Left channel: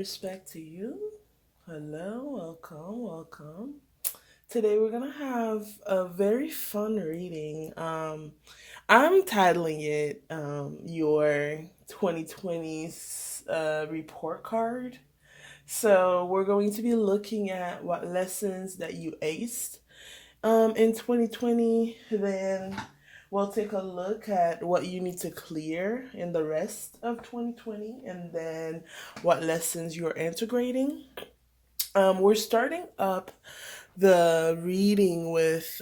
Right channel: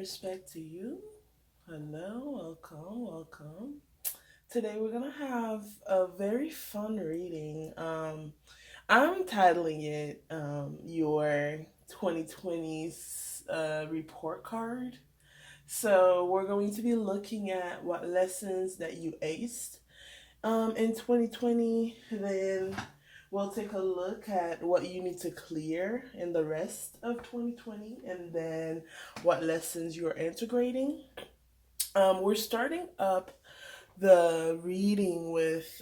respect to you. Hello, welcome. Today we're gonna have a very fun reading. I'm titling it your 2020's report card. So we're going to be looking at what lessons that you aced in 2020. Then we'll take a look at what you need to clear in the rest of 2020, and then what lessons you're integrating. We're starting up the reading with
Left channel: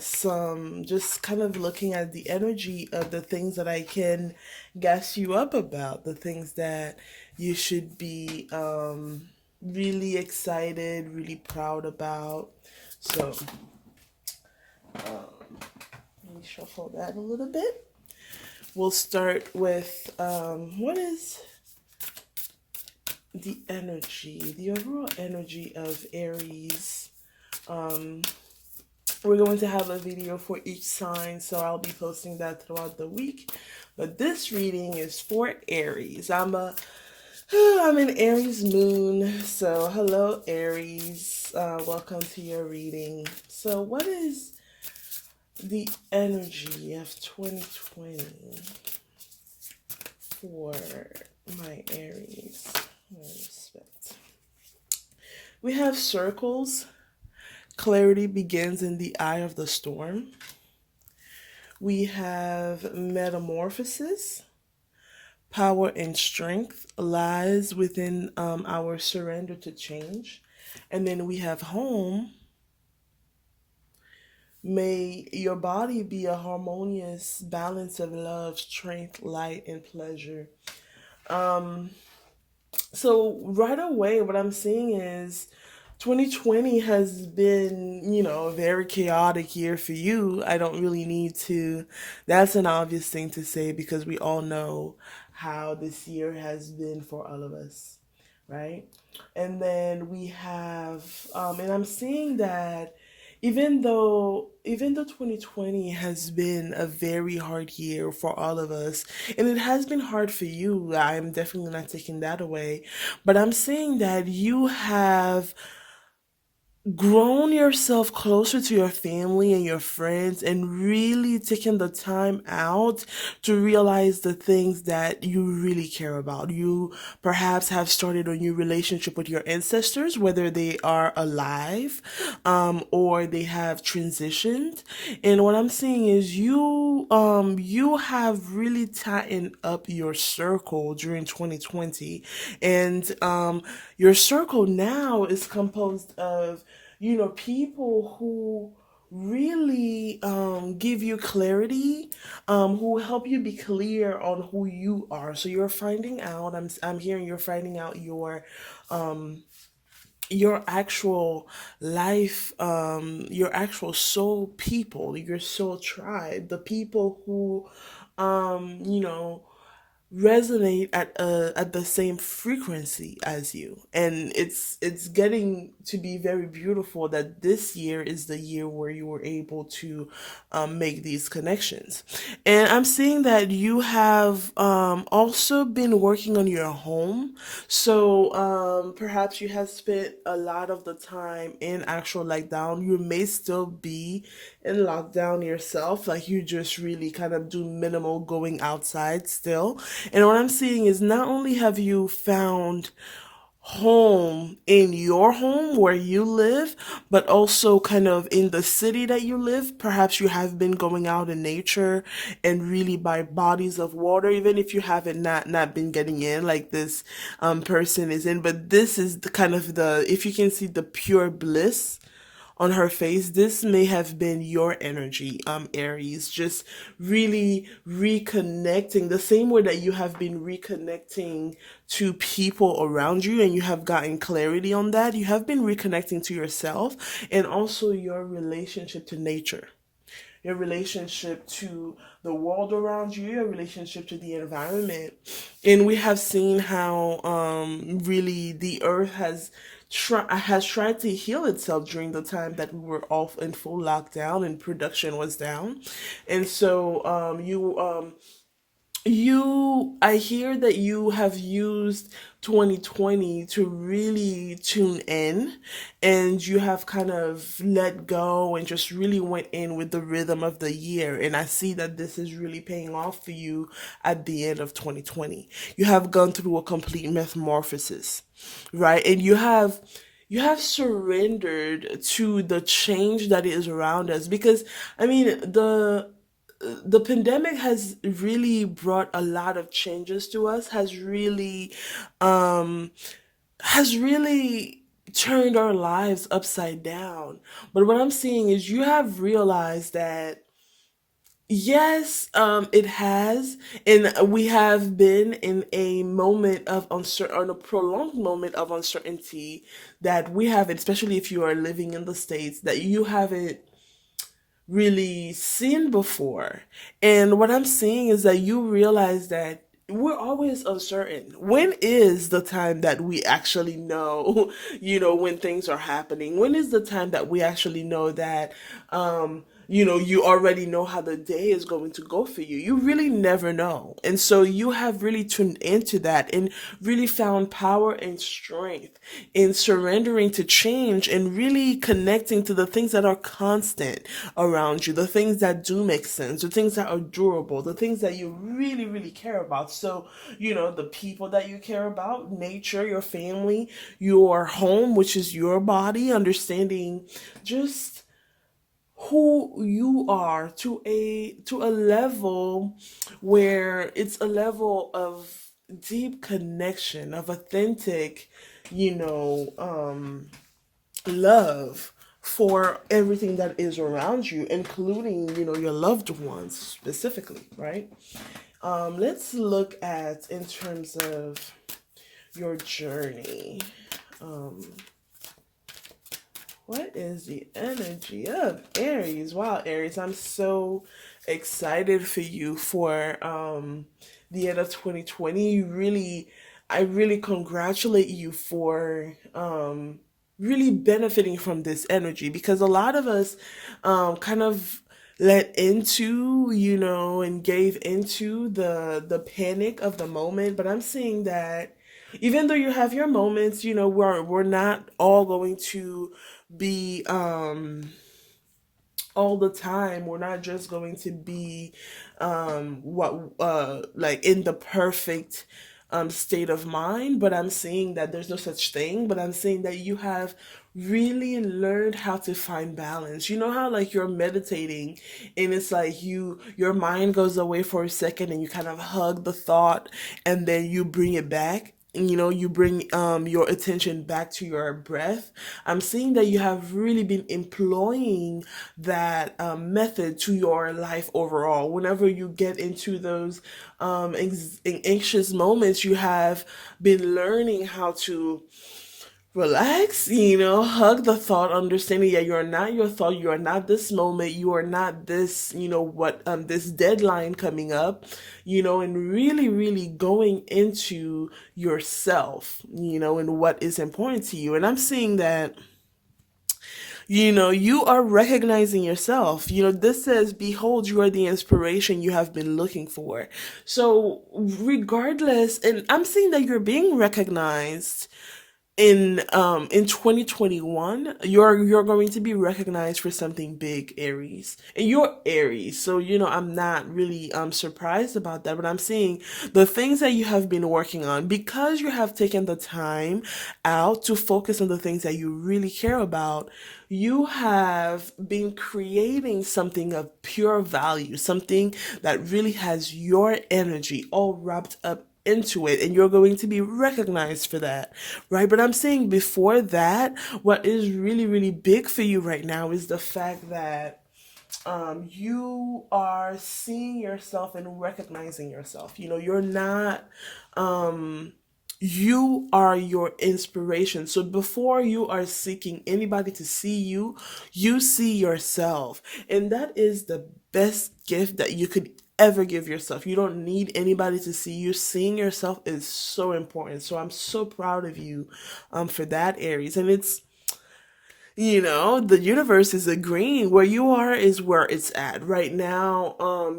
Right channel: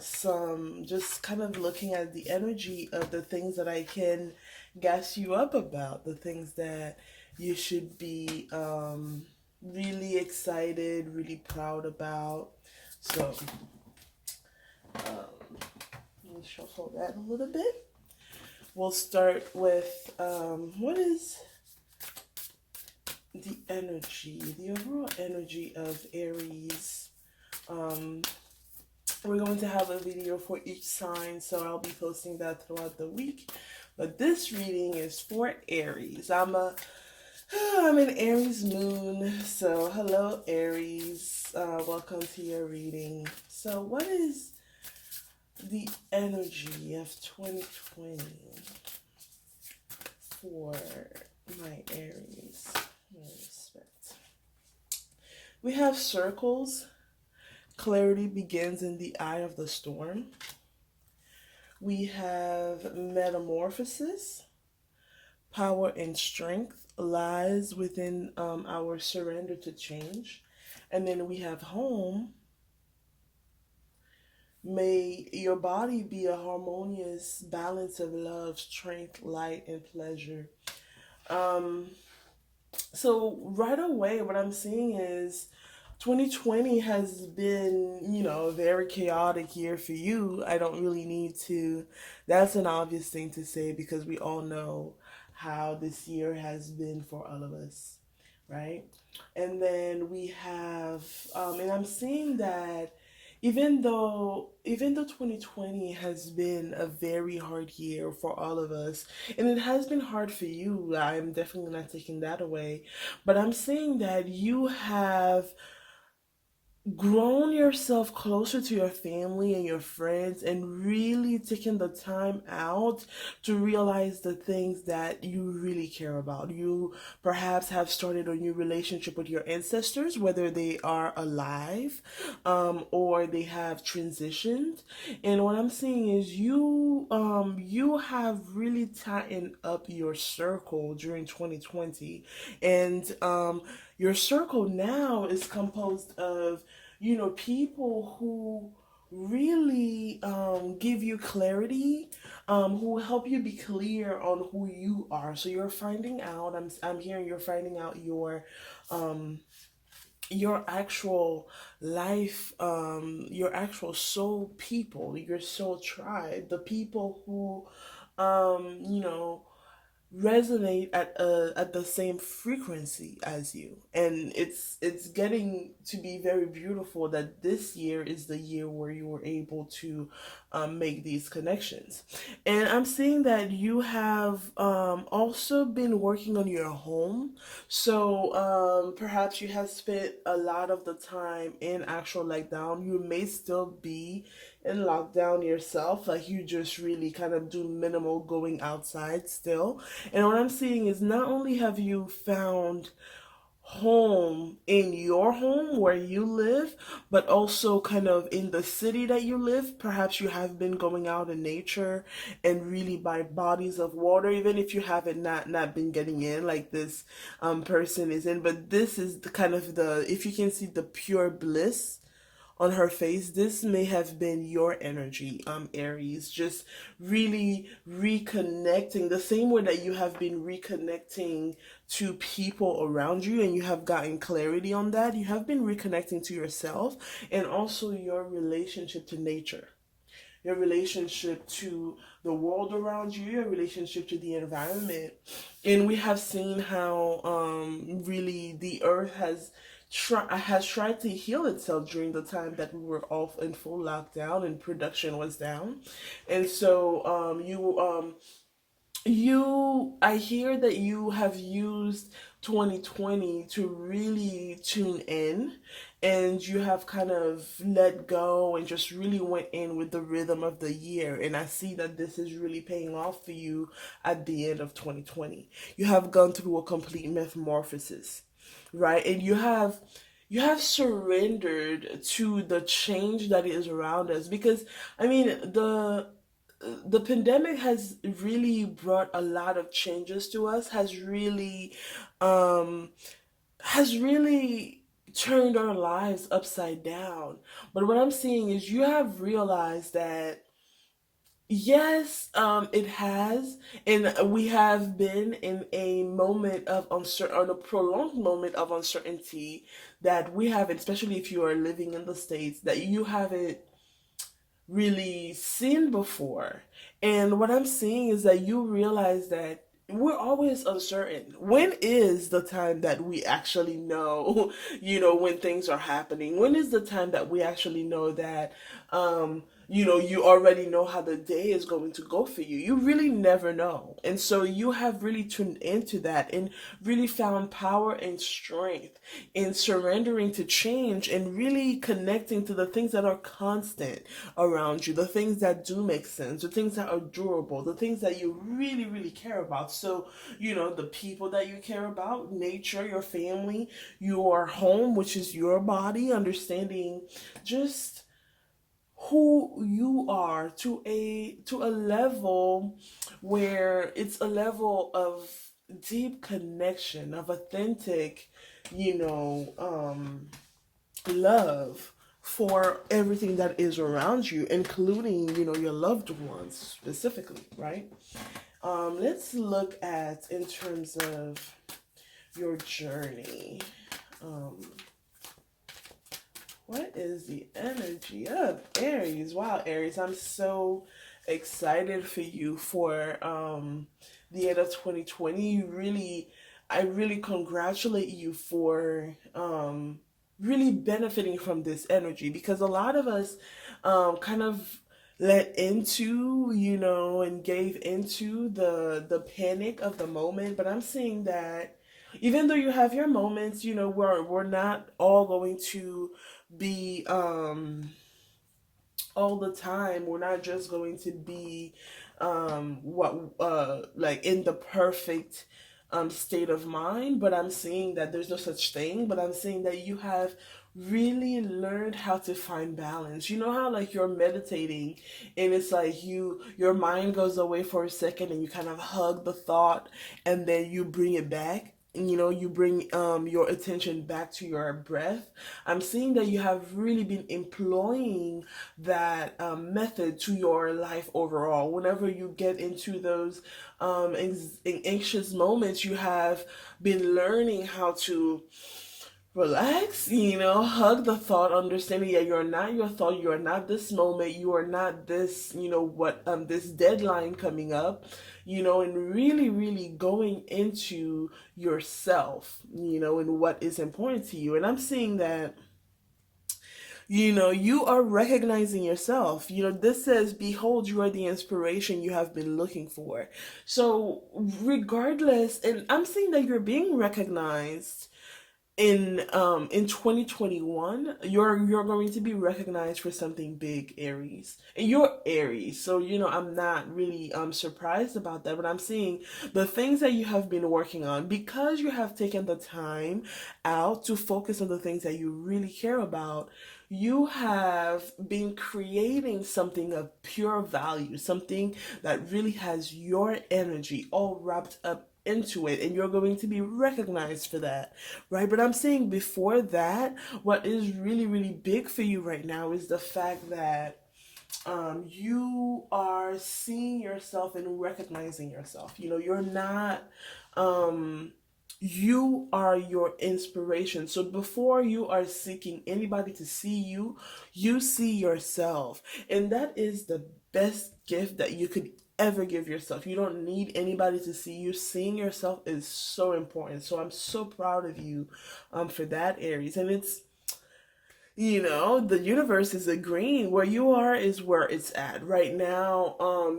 some just kind of looking at the energy of the things that I can gas you up about, the things that you should be really excited, really proud about. So let me shuffle that a little bit. We'll start with what is the energy, the overall energy of Aries. We're going to have a video for each sign, so I'll be posting that throughout the week. But this reading is for Aries. I'm an Aries moon, so hello Aries. Welcome to your reading. So what is the energy of 2020 for my Aries? Respect. We have circles. Clarity begins in the eye of the storm. We have metamorphosis. Power and strength lies within our surrender to change. And then we have home. May your body be a harmonious balance of love, strength, light, and pleasure. So right away, what I'm seeing is 2020 has been, a very chaotic year for you. I don't really need to, that's an obvious thing to say because we all know how this year has been for all of us, right? And then we have, and I'm seeing that even though 2020 has been a very hard year for all of us, and it has been hard for you, I'm definitely not taking that away, but I'm saying that you have grown yourself closer to your family and your friends and really taken the time out to realize the things that you really care about. You perhaps have started a new relationship with your ancestors, whether they are alive or they have transitioned. And what I'm seeing is you have really tightened up your circle during 2020, and your circle now is composed of people who really give you clarity, who help you be clear on who you are. So you're finding out, I'm hearing you're finding out your actual life, your actual soul people, your soul tribe, the people who you know resonate at the same frequency as you. And it's getting to be very beautiful that this year is the year where you were able to make these connections. And I'm seeing that you have also been working on your home. So perhaps you have spent a lot of the time in actual lockdown. You may still be in lockdown yourself, like you just really kind of do minimal going outside still. And what I'm seeing is not only have you found home in your home where you live, but also kind of in the city that you live. Perhaps you have been going out in nature and really by bodies of water, even if you haven't not been getting in like this person is in. But this is the kind of the, if you can see the pure bliss on her face, this may have been your energy, Aries, just really reconnecting the same way that you have been reconnecting to people around you, and you have gotten clarity on that. You have been reconnecting to yourself and also your relationship to nature, your relationship to the world around you, your relationship to the environment. And we have seen how really the earth has has tried to heal itself during the time that we were all in full lockdown and production was down. And so I hear that you have used 2020 to really tune in, and you have kind of let go and just really went in with the rhythm of the year. And I see that this is really paying off for you at the end of 2020. You have gone through a complete metamorphosis, right? And you have surrendered to the change that is around us, because I mean the pandemic has really brought a lot of changes to us, um has really turned our lives upside down. But what I'm seeing is you have realized that yes, it has, and we have been in a moment of uncertain, or a prolonged moment of uncertainty that we haven't, especially if you are living in the States, that you haven't really seen before. And what I'm seeing is that you realize that we're always uncertain. When is the time that we actually know, when things are happening? When is the time that we actually know that, you already know how the day is going to go for you? You really never know. And so you have really tuned into that and really found power and strength in surrendering to change and really connecting to the things that are constant around you, the things that do make sense, the things that are durable, the things that you really, really care about. So, the people that you care about, nature, your family, your home, which is your body, understanding just who you are to a level where it's a level of deep connection, of authentic, you know, love for everything that is around you, including, your loved ones specifically, right? Let's look at in terms of your journey. Um, what is the energy of Aries? Wow, Aries, I'm so excited for you for the end of 2020. I really congratulate you for really benefiting from this energy, because a lot of us kind of let into, and gave into the panic of the moment. But I'm seeing that even though you have your moments, we're not all going to be all the time. We're not just going to be what like in the perfect state of mind. But I'm seeing that there's no such thing. But I'm seeing that you have really learned how to find balance. You know how like you're meditating and it's like your mind goes away for a second and you kind of hug the thought and then you bring it back, and you bring your attention back to your breath. I'm seeing that you have really been employing that method to your life overall. Whenever you get into those anxious moments, you have been learning how to relax, hug the thought, understanding that you're not your thought, you are not this moment, you are not this, what this deadline coming up, and really, really going into yourself, and what is important to you. And I'm seeing that you are recognizing yourself. This says, behold, you are the inspiration you have been looking for. So regardless, and I'm seeing that you're being recognized in 2021. You're going to be recognized for something big, Aries, and you're Aries, so I'm not really surprised about that. But I'm seeing the things that you have been working on, because you have taken the time out to focus on the things that you really care about. You have been creating something of pure value, something that really has your energy all wrapped up into it, and you're going to be recognized for that, right? But I'm saying before that, what is really, really big for you right now is the fact that you are seeing yourself and recognizing yourself. You're not you are your inspiration. So before you are seeking anybody to see you, you see yourself. And that is the best gift that you could ever give yourself. You don't need anybody to see you. Seeing yourself is so important. So I'm so proud of you for that, Aries. And it's, the universe is agreeing. Where you are is where it's at right now.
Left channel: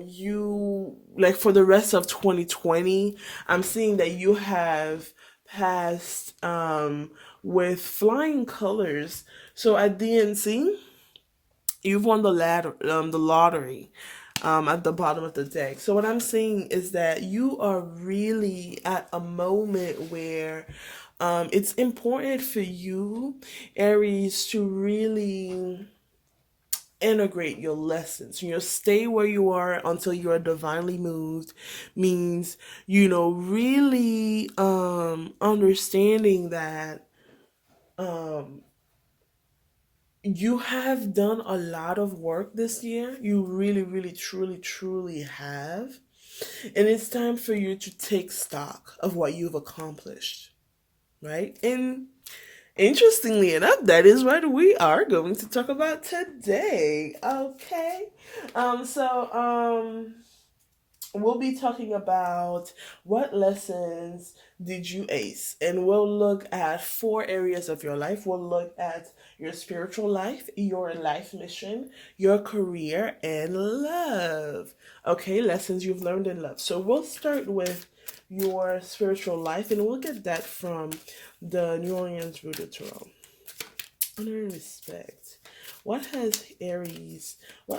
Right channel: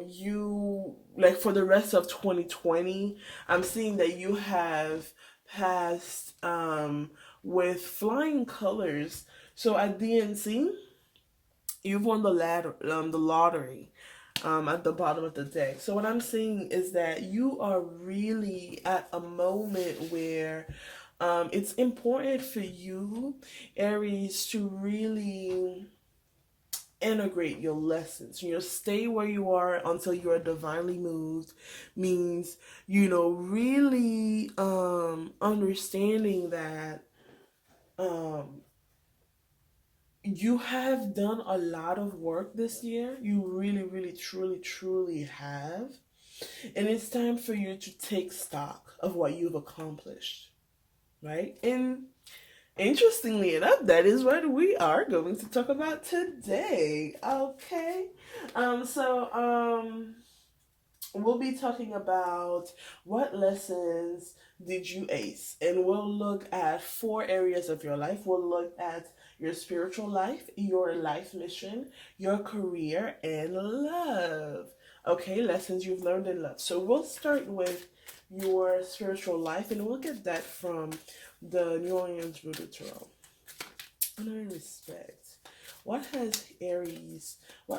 You, like, for the rest of 2020, I'm seeing that you have passed with flying colors. So at DNC, you've won the lottery at the bottom of the deck. So what I'm seeing is that you are really at a moment where it's important for you, Aries, to really integrate your lessons. Stay where you are until you are divinely moved means, really understanding that you have done a lot of work this year. You really, really, truly, truly have. And it's time for you to take stock of what you've accomplished, right? And interestingly enough, that is what we are going to talk about today. Okay. We'll be talking about what lessons did you ace, and we'll look at 4 areas of your life. We'll look at your spiritual life, your life mission, your career, and love. Okay, lessons you've learned in love. So we'll start with your spiritual life, and we'll get that from the New Orleans Voodoo Tarot. Honor and respect. What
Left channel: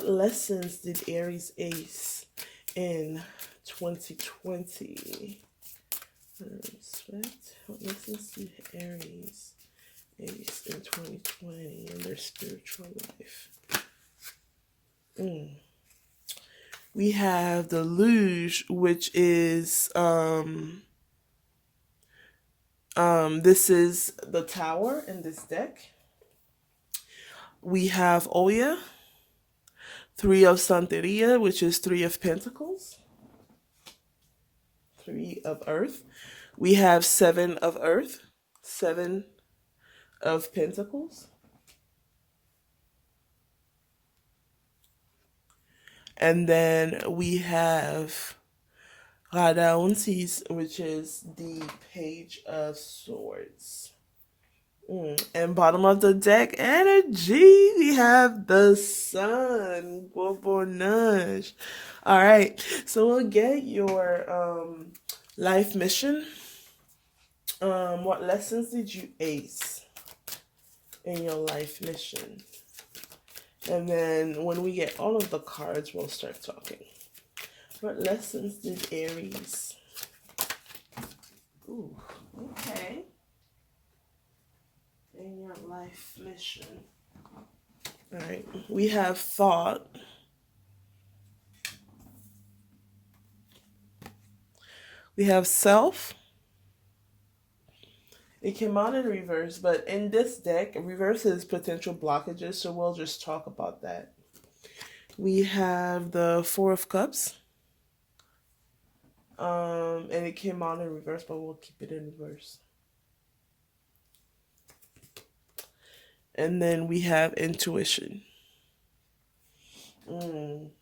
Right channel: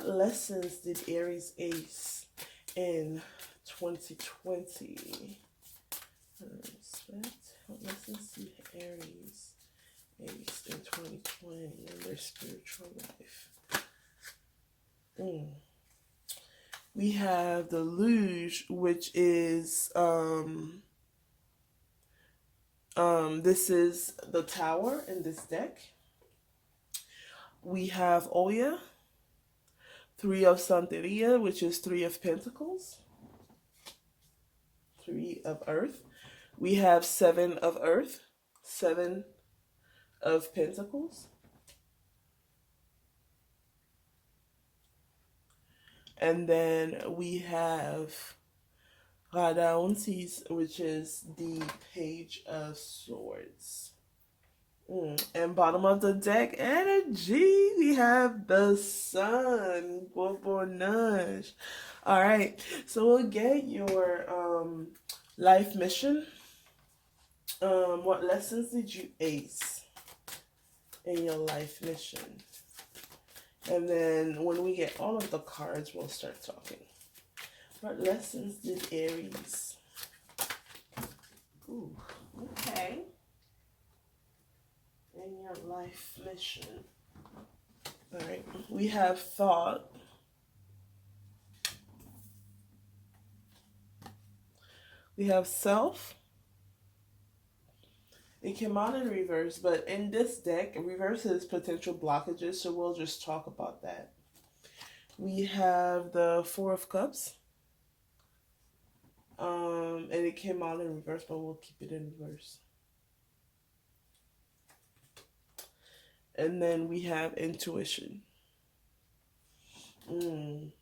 lessons did Aries ace in 2020? Respect. What lessons did Aries ace in 2020 in their spiritual life? We have the Luge, which is this is the Tower in this deck. We have Oya, 3 of Santeria, which is 3 of Pentacles, 3 of Earth. We have 7 of Earth, 7 of Pentacles. And then we have Radauntis, which is the Page of Swords. And bottom of the deck energy, we have the Sun. Bobonage. All right, so we'll get your life mission. What lessons did you ace in your life mission? And then when we get all of the cards, we'll start talking. What lessons did Aries? Ooh, okay. In your life mission. All right, we have thought. We have self. It came out in reverse, but in this deck, reverse is potential blockages, so we'll just talk about that. We have the 4 of Cups. And it came out in reverse, but we'll keep it in reverse. And then we have intuition. I'm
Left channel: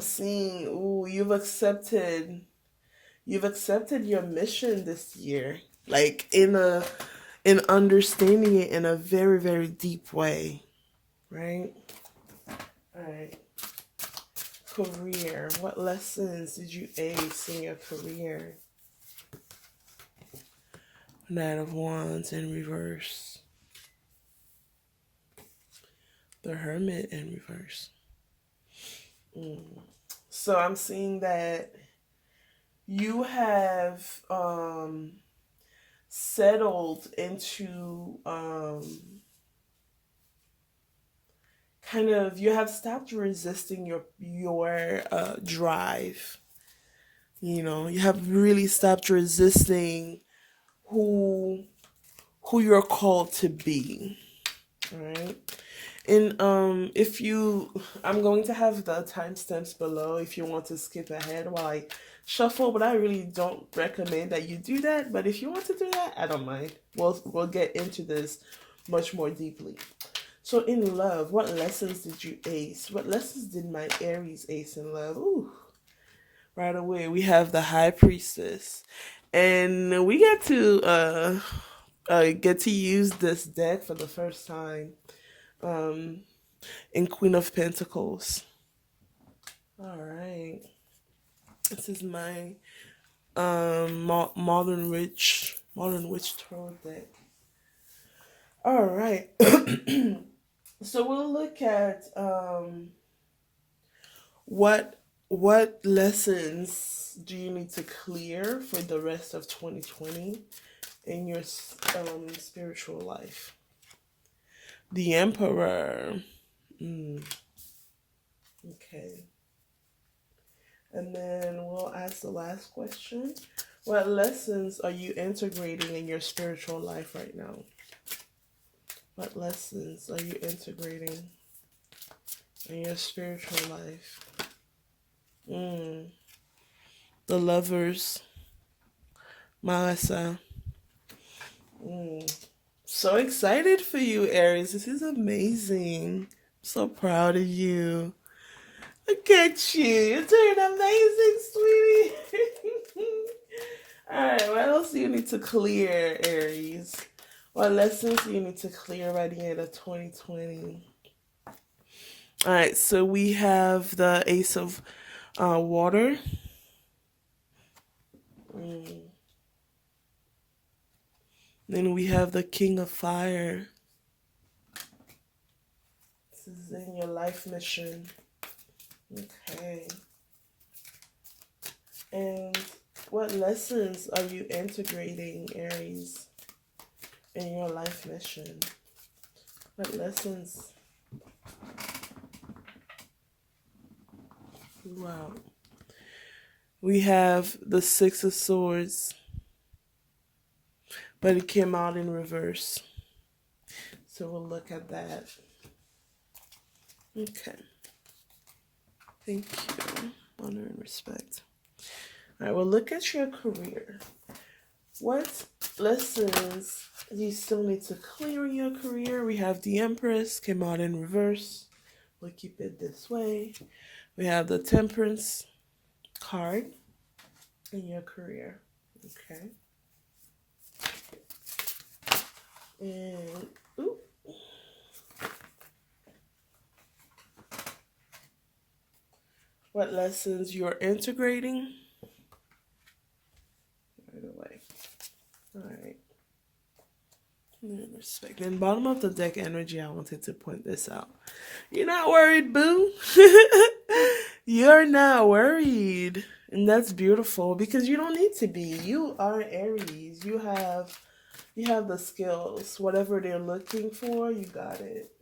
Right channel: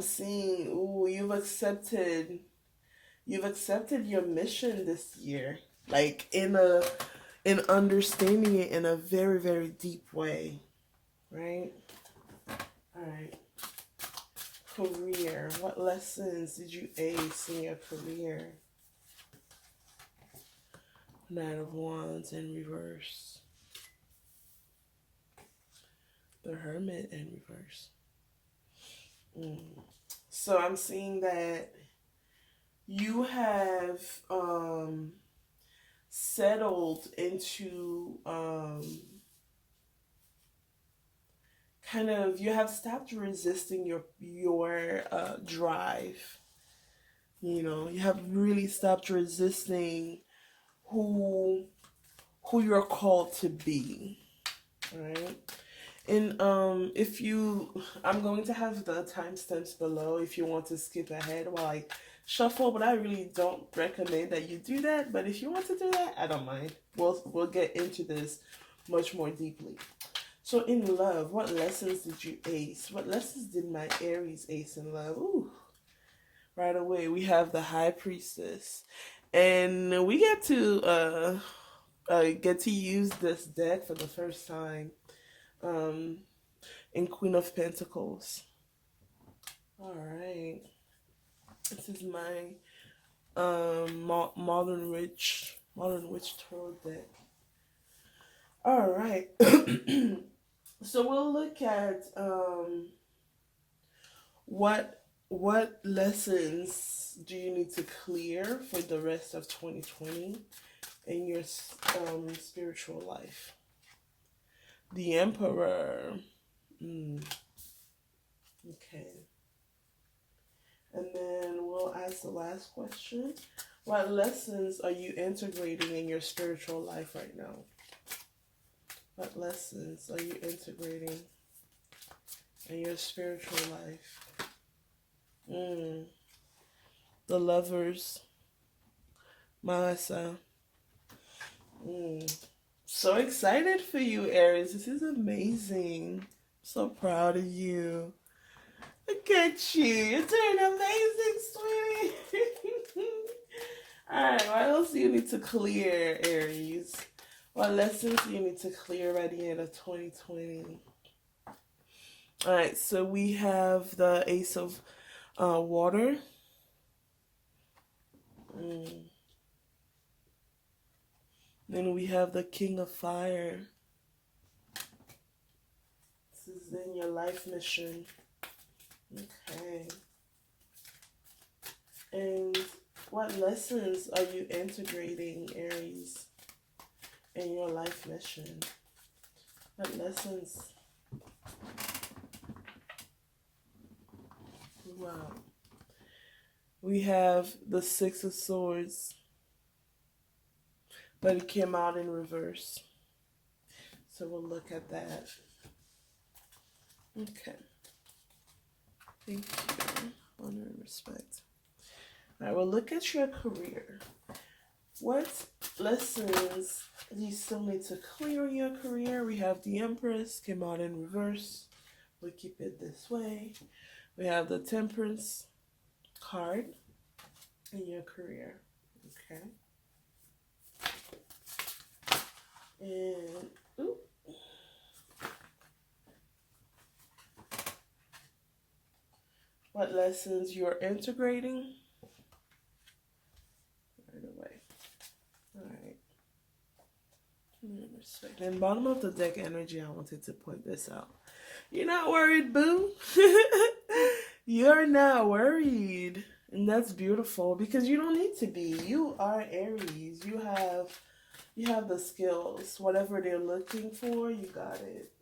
seeing, you've accepted your mission this year, like in understanding it in a very, very deep way, right? All right. Career. What lessons did you ace in your career? Knight of Wands in reverse. The Hermit in reverse. So I'm seeing that you have settled into you have stopped resisting your drive. You have really stopped resisting who you're called to be, right? And I'm going to have the timestamps below if you want to skip ahead while I shuffle, but I really don't recommend that you do that. But if you want to do that, I don't mind. We'll get into this much more deeply. So in love, what lessons did you ace? What lessons did my Aries ace in love? Ooh, right away we have the High Priestess, and we get to use this deck for the first time um, in Queen of Pentacles. All right, this is my modern witch tarot deck. All right. So we'll look at what lessons do you need to clear for the rest of 2020 in your spiritual life. The Emperor. Okay. And then we'll ask the last question. What lessons are you integrating in your spiritual life right now? What lessons are you integrating in your spiritual life? The Lovers. Melissa. So excited for you, Aries. This is amazing. So proud of you. Look at you. You're doing amazing, sweetie. Alright, what else do you need to clear, Aries? What lessons do you need to clear by the end of 2020? Alright, so we have the Ace of Water. Then we have the King of Fire. This is in your life mission. Okay. And what lessons are you integrating, Aries, in your life mission? What lessons? Wow. We have the Six of Swords, but it came out in reverse. So we'll look at that. Okay. Thank you. Honor and respect. All right, well, look at your career. What lessons do you still need to clear in your career? We have the Empress, came out in reverse. We'll keep it this way. We have the Temperance card in your career. Okay. And, ooh. What lessons you're integrating? Right away. All right. Respect. And bottom of the deck energy, I wanted to point this out. You're not worried, boo. You're not worried. And that's beautiful because you don't need to be. You are Aries. You have the skills. Whatever they're looking for, you got it.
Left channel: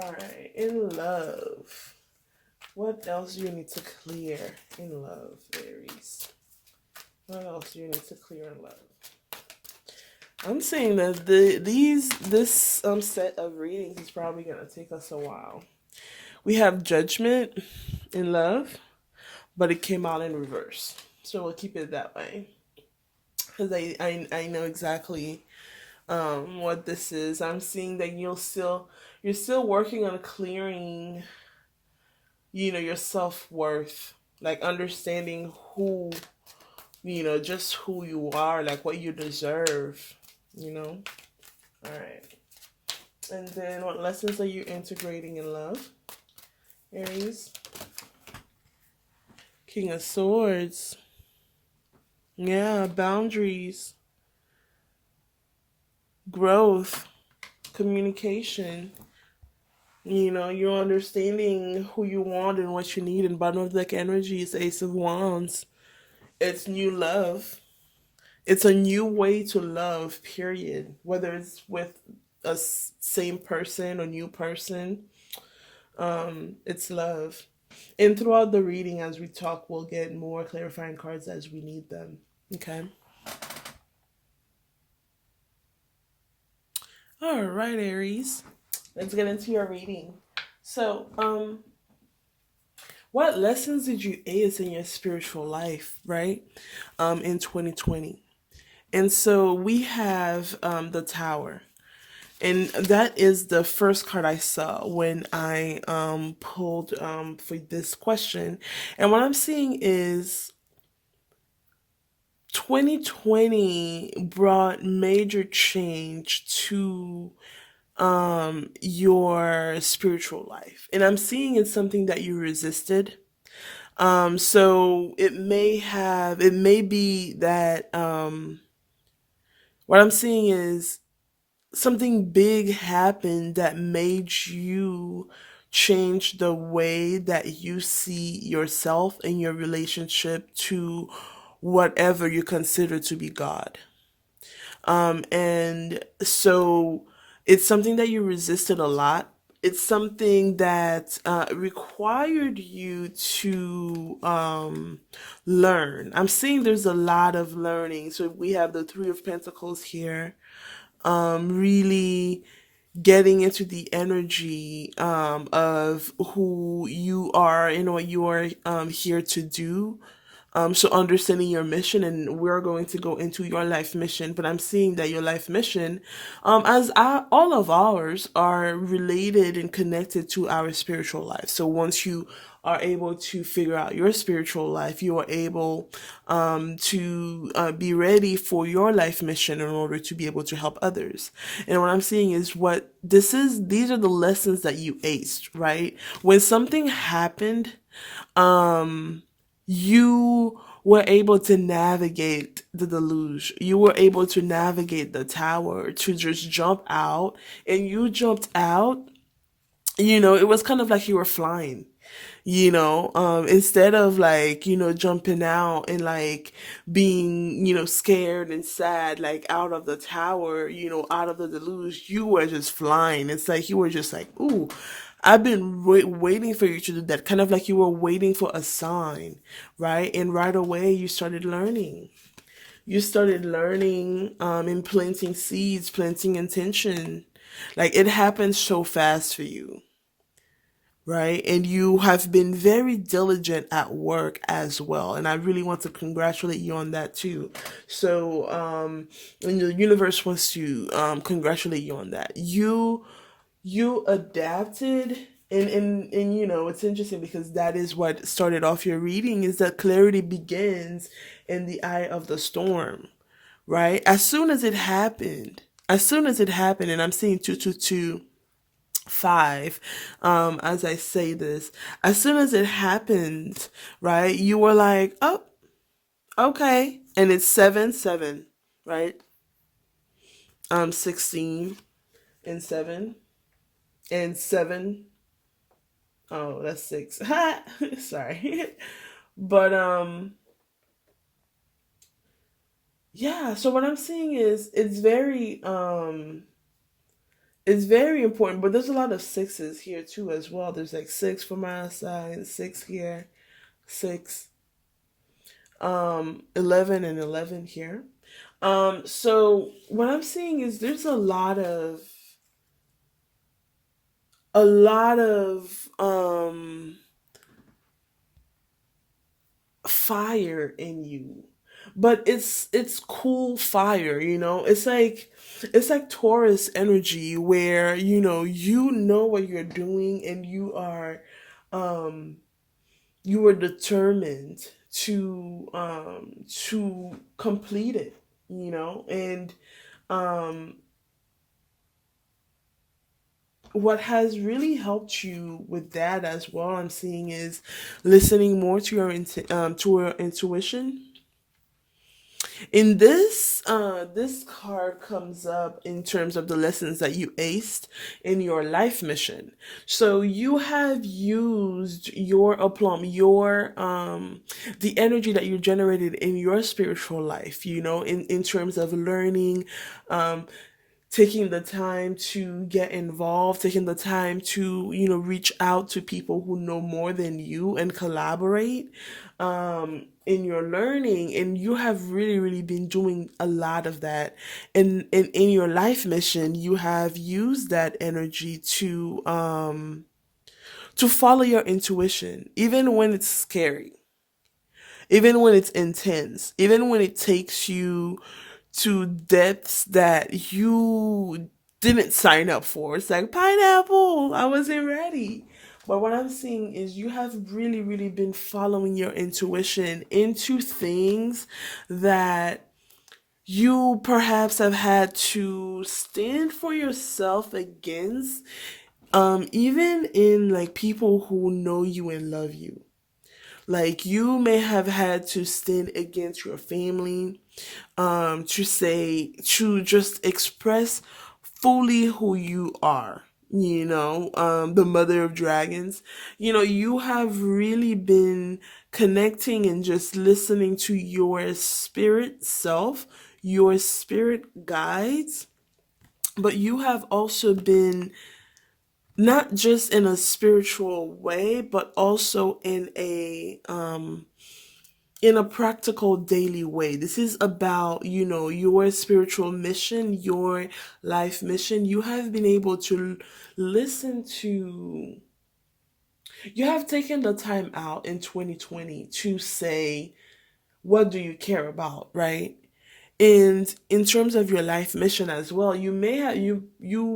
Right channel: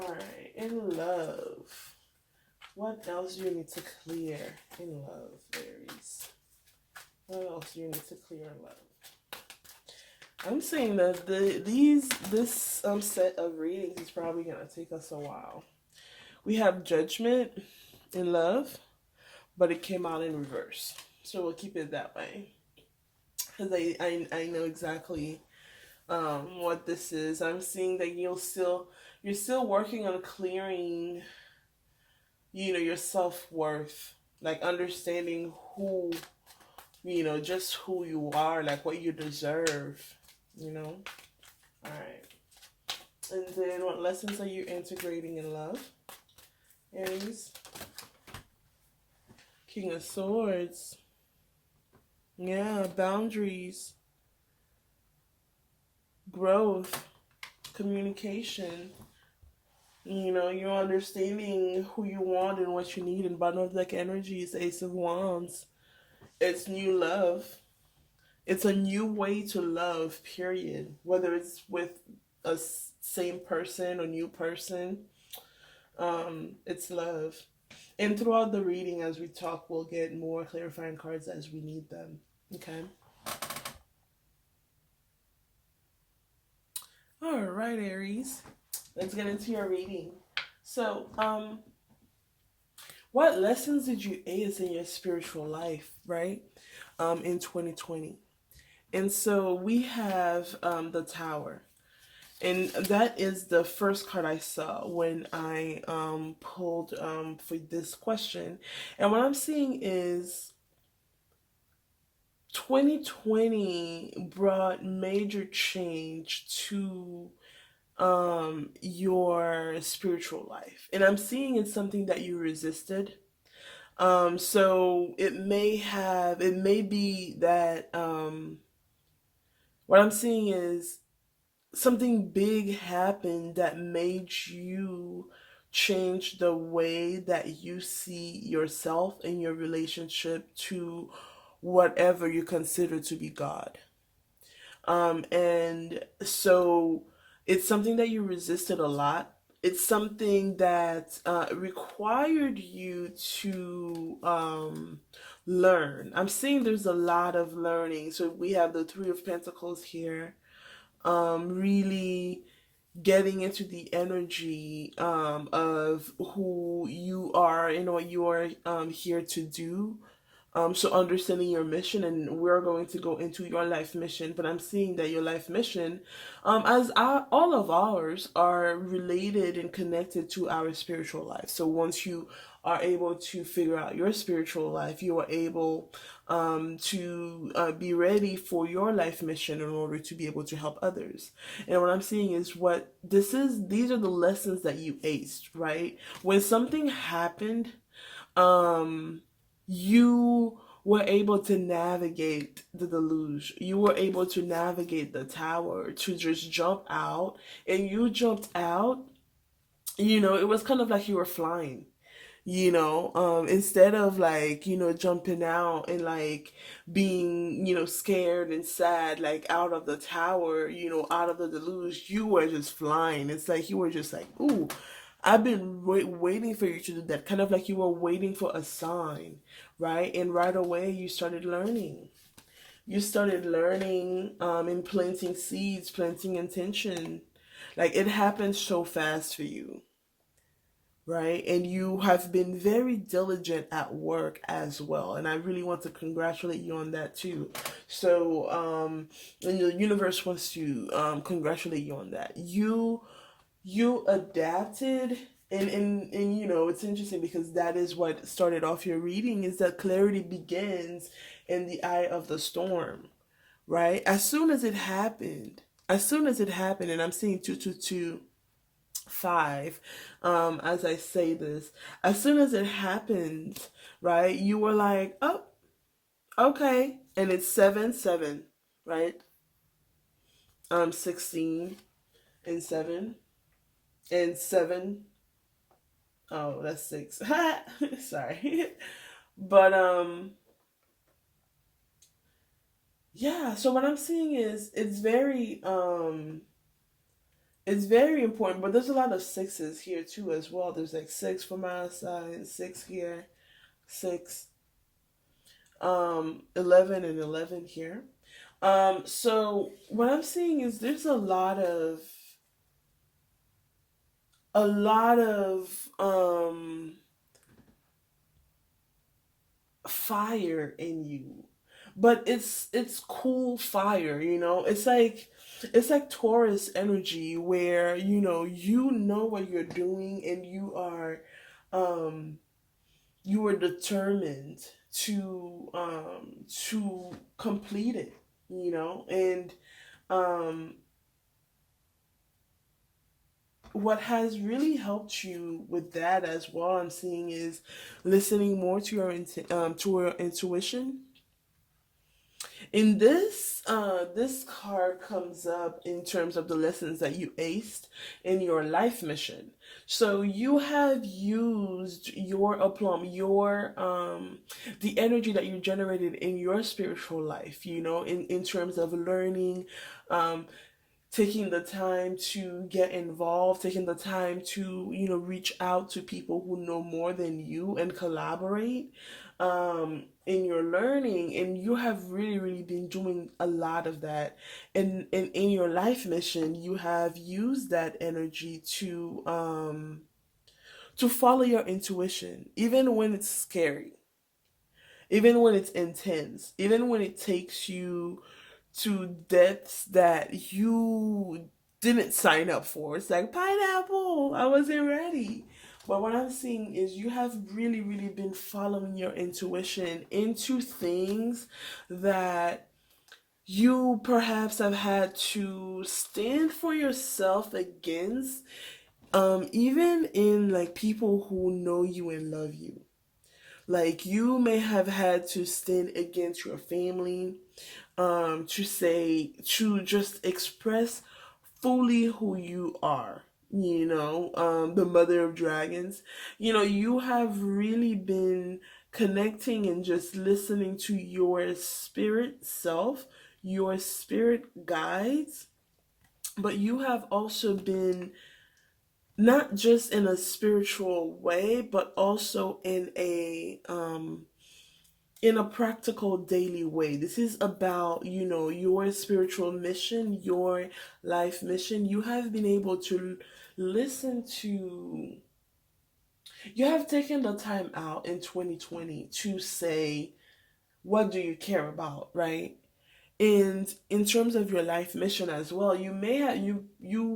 All right. In love. What else do you need to clear in love, Aries? What else do you need to clear in love? I'm saying that this set of readings is probably gonna take us a while. We have Judgment in love, but it came out in reverse, so we'll keep it that way because I know exactly what this is. I'm seeing that you're still working on clearing, your self-worth, like understanding who, just who you are, like what you deserve. All right. And then what lessons are you integrating in love, Aries? King of Swords. Yeah, boundaries, growth, communication. You're understanding who you want and what you need. And bottom of the deck energy is Ace of Wands. It's new love. It's a new way to love, period. Whether it's with a same person or new person, it's love. And throughout the reading, as we talk, we'll get more clarifying cards as we need them. Okay? All right, Aries. Let's get into your reading. So, what lessons did you ace in your spiritual life, right? In 2020. And so we have the Tower. And that is the first card I saw when I pulled for this question. And what I'm seeing is 2020 brought major change to your spiritual life. And I'm seeing it's something that you resisted. So it may be that what I'm seeing is something big happened that made you change the way that you see yourself and your relationship to whatever you consider to be God. And so it's something that you resisted a lot. It's something that required you to learn. I'm seeing there's a lot of learning. So we have the Three of Pentacles here, really getting into the energy of who you are and what you are here to do. So understanding your mission, and we're going to go into your life mission. But I'm seeing that your life mission, all of ours, are related and connected to our spiritual life. So once you are able to figure out your spiritual life, you are able to be ready for your life mission in order to be able to help others. And what I'm seeing is what this is, these are the lessons that you aced, right? When something happened, you were able to navigate the deluge. You were able to navigate the tower to just jump out. And you jumped out, it was kind of like you were flying. Instead of like, jumping out and like being, scared and sad, like out of the tower, out of the deluge, you were just flying. It's like you were just like, ooh, I've been waiting for you to do that. Kind of like you were waiting for a sign, right? And right away you started learning. You started learning and planting seeds, planting intention. Like it happened so fast for you, right? And you have been very diligent at work as well. And I really want to congratulate you on that too. So, and the universe wants to congratulate you on that. You adapted, and it's interesting because that is what started off your reading, is that clarity begins in the eye of the storm, right? As soon as it happened, and I'm seeing 222 5, as I say this, as soon as it happened, right, you were like, oh, okay. And it's 7 7, right? 16 and 7 and 7. Oh, that's 6. Sorry. But yeah, so what I'm seeing is it's very important, but there's a lot of sixes here too as well. There's like 6 for my side, 6 here, 6, 11 and 11 here. So what I'm seeing is there's a lot of fire in you, but it's cool fire. It's like Taurus energy, where you know what you're doing, and you are determined to complete it. And um what has really helped you with that as well, I'm seeing, is listening more to your intuition. In this card comes up in terms of the lessons that you aced in your life mission. So you have used your aplomb, your the energy that you generated in your spiritual life, in terms of learning, um taking the time to get involved, taking the time to, reach out to people who know more than you and collaborate in your learning. And you have really, really been doing a lot of that. In your life mission, you have used that energy to follow your intuition, even when it's scary, even when it's intense, even when it takes you to depths that you didn't sign up for. It's like pineapple, I wasn't ready. But what I'm seeing is you have really, really been following your intuition into things that you perhaps have had to stand for yourself against, even in like people who know you and love you. Like you may have had to stand against your family, to just express fully who you are. The mother of dragons. You have really been connecting and just listening to your spirit self, your spirit guides, but you have also been not just in a spiritual way, but also in a practical daily way. This is about, your spiritual mission, your life mission. You have been able to listen to, you have taken the time out in 2020 to say, what do you care about, right? And in terms of your life mission as well, you may have, you're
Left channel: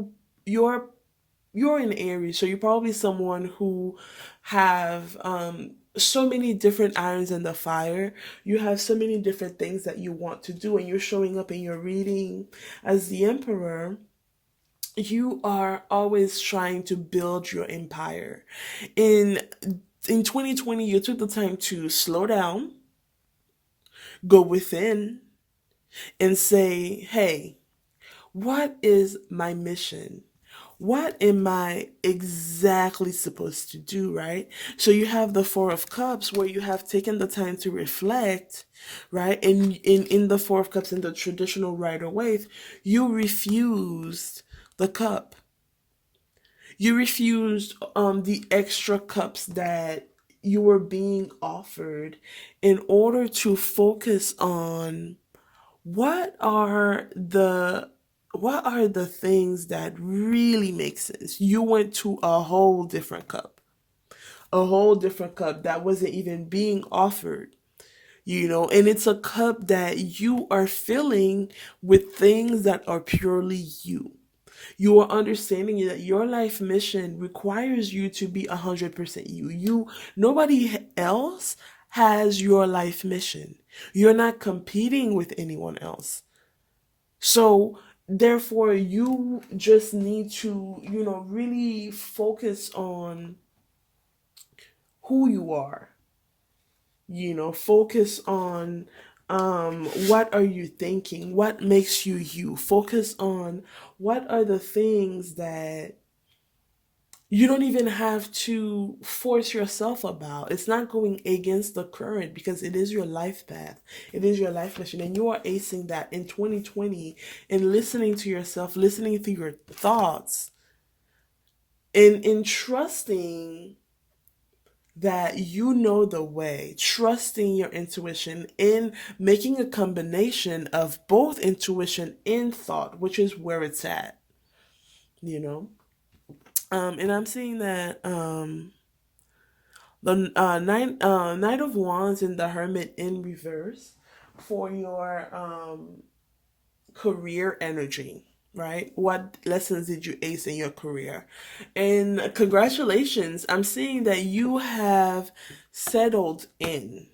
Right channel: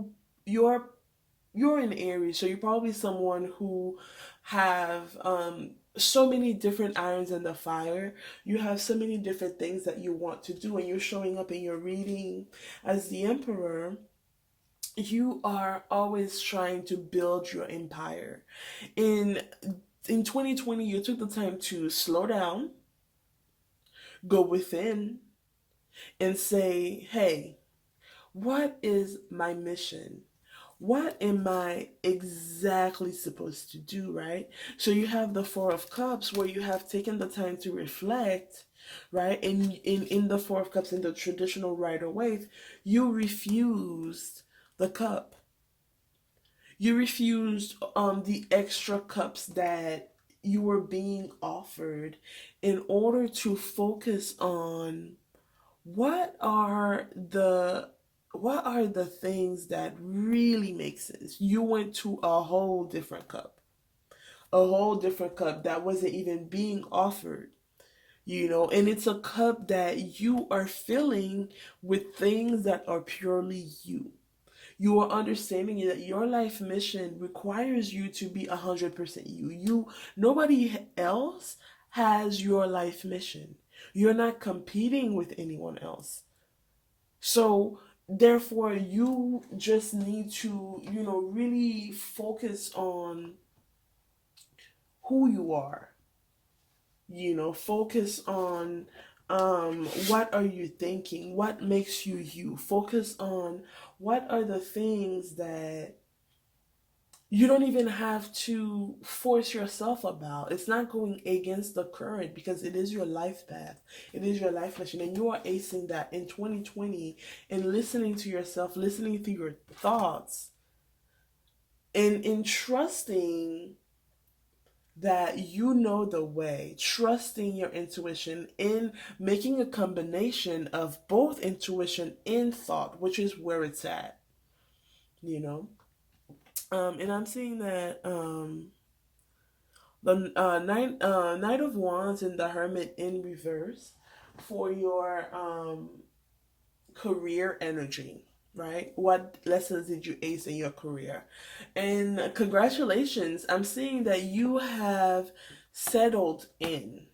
you're an Aries, so you're probably someone who have so many different irons in the fire. You have so many different things that you want to do, and you're showing up in your reading as the Emperor. You are always trying to build your empire. In in 2020, you took the time to slow down, go within, and say, "Hey, what is my mission? What am I exactly supposed to do, right?" So you have the Four of Cups where you have taken the time to reflect, right? And in the Four of Cups in the traditional Rider Waite, you refused the cup. You refused the extra cups that you were being offered in order to focus on what are the what are the things that really make sense. You went to a whole different cup, a whole different cup that wasn't even being offered, and it's a cup that you are filling with things that are purely you. You are understanding that your life mission requires you to be 100% you. Nobody else has your life mission. You're not competing with anyone else. So therefore you just need to, really focus on who you are. Focus on what are you thinking? What makes you you? Focus on what are the things that you don't even have to force yourself about. It's not going against the current because it is your life path. It is your life mission. And you are acing that in 2020 and listening to yourself, listening to your thoughts, and in trusting that you know the way, trusting your intuition, in making a combination of both intuition and thought, which is where it's at, you know? And I'm seeing that the Knight of Wands and the Hermit in reverse for your career energy, right? What lessons did you ace in your career? And congratulations, I'm seeing that you have settled in.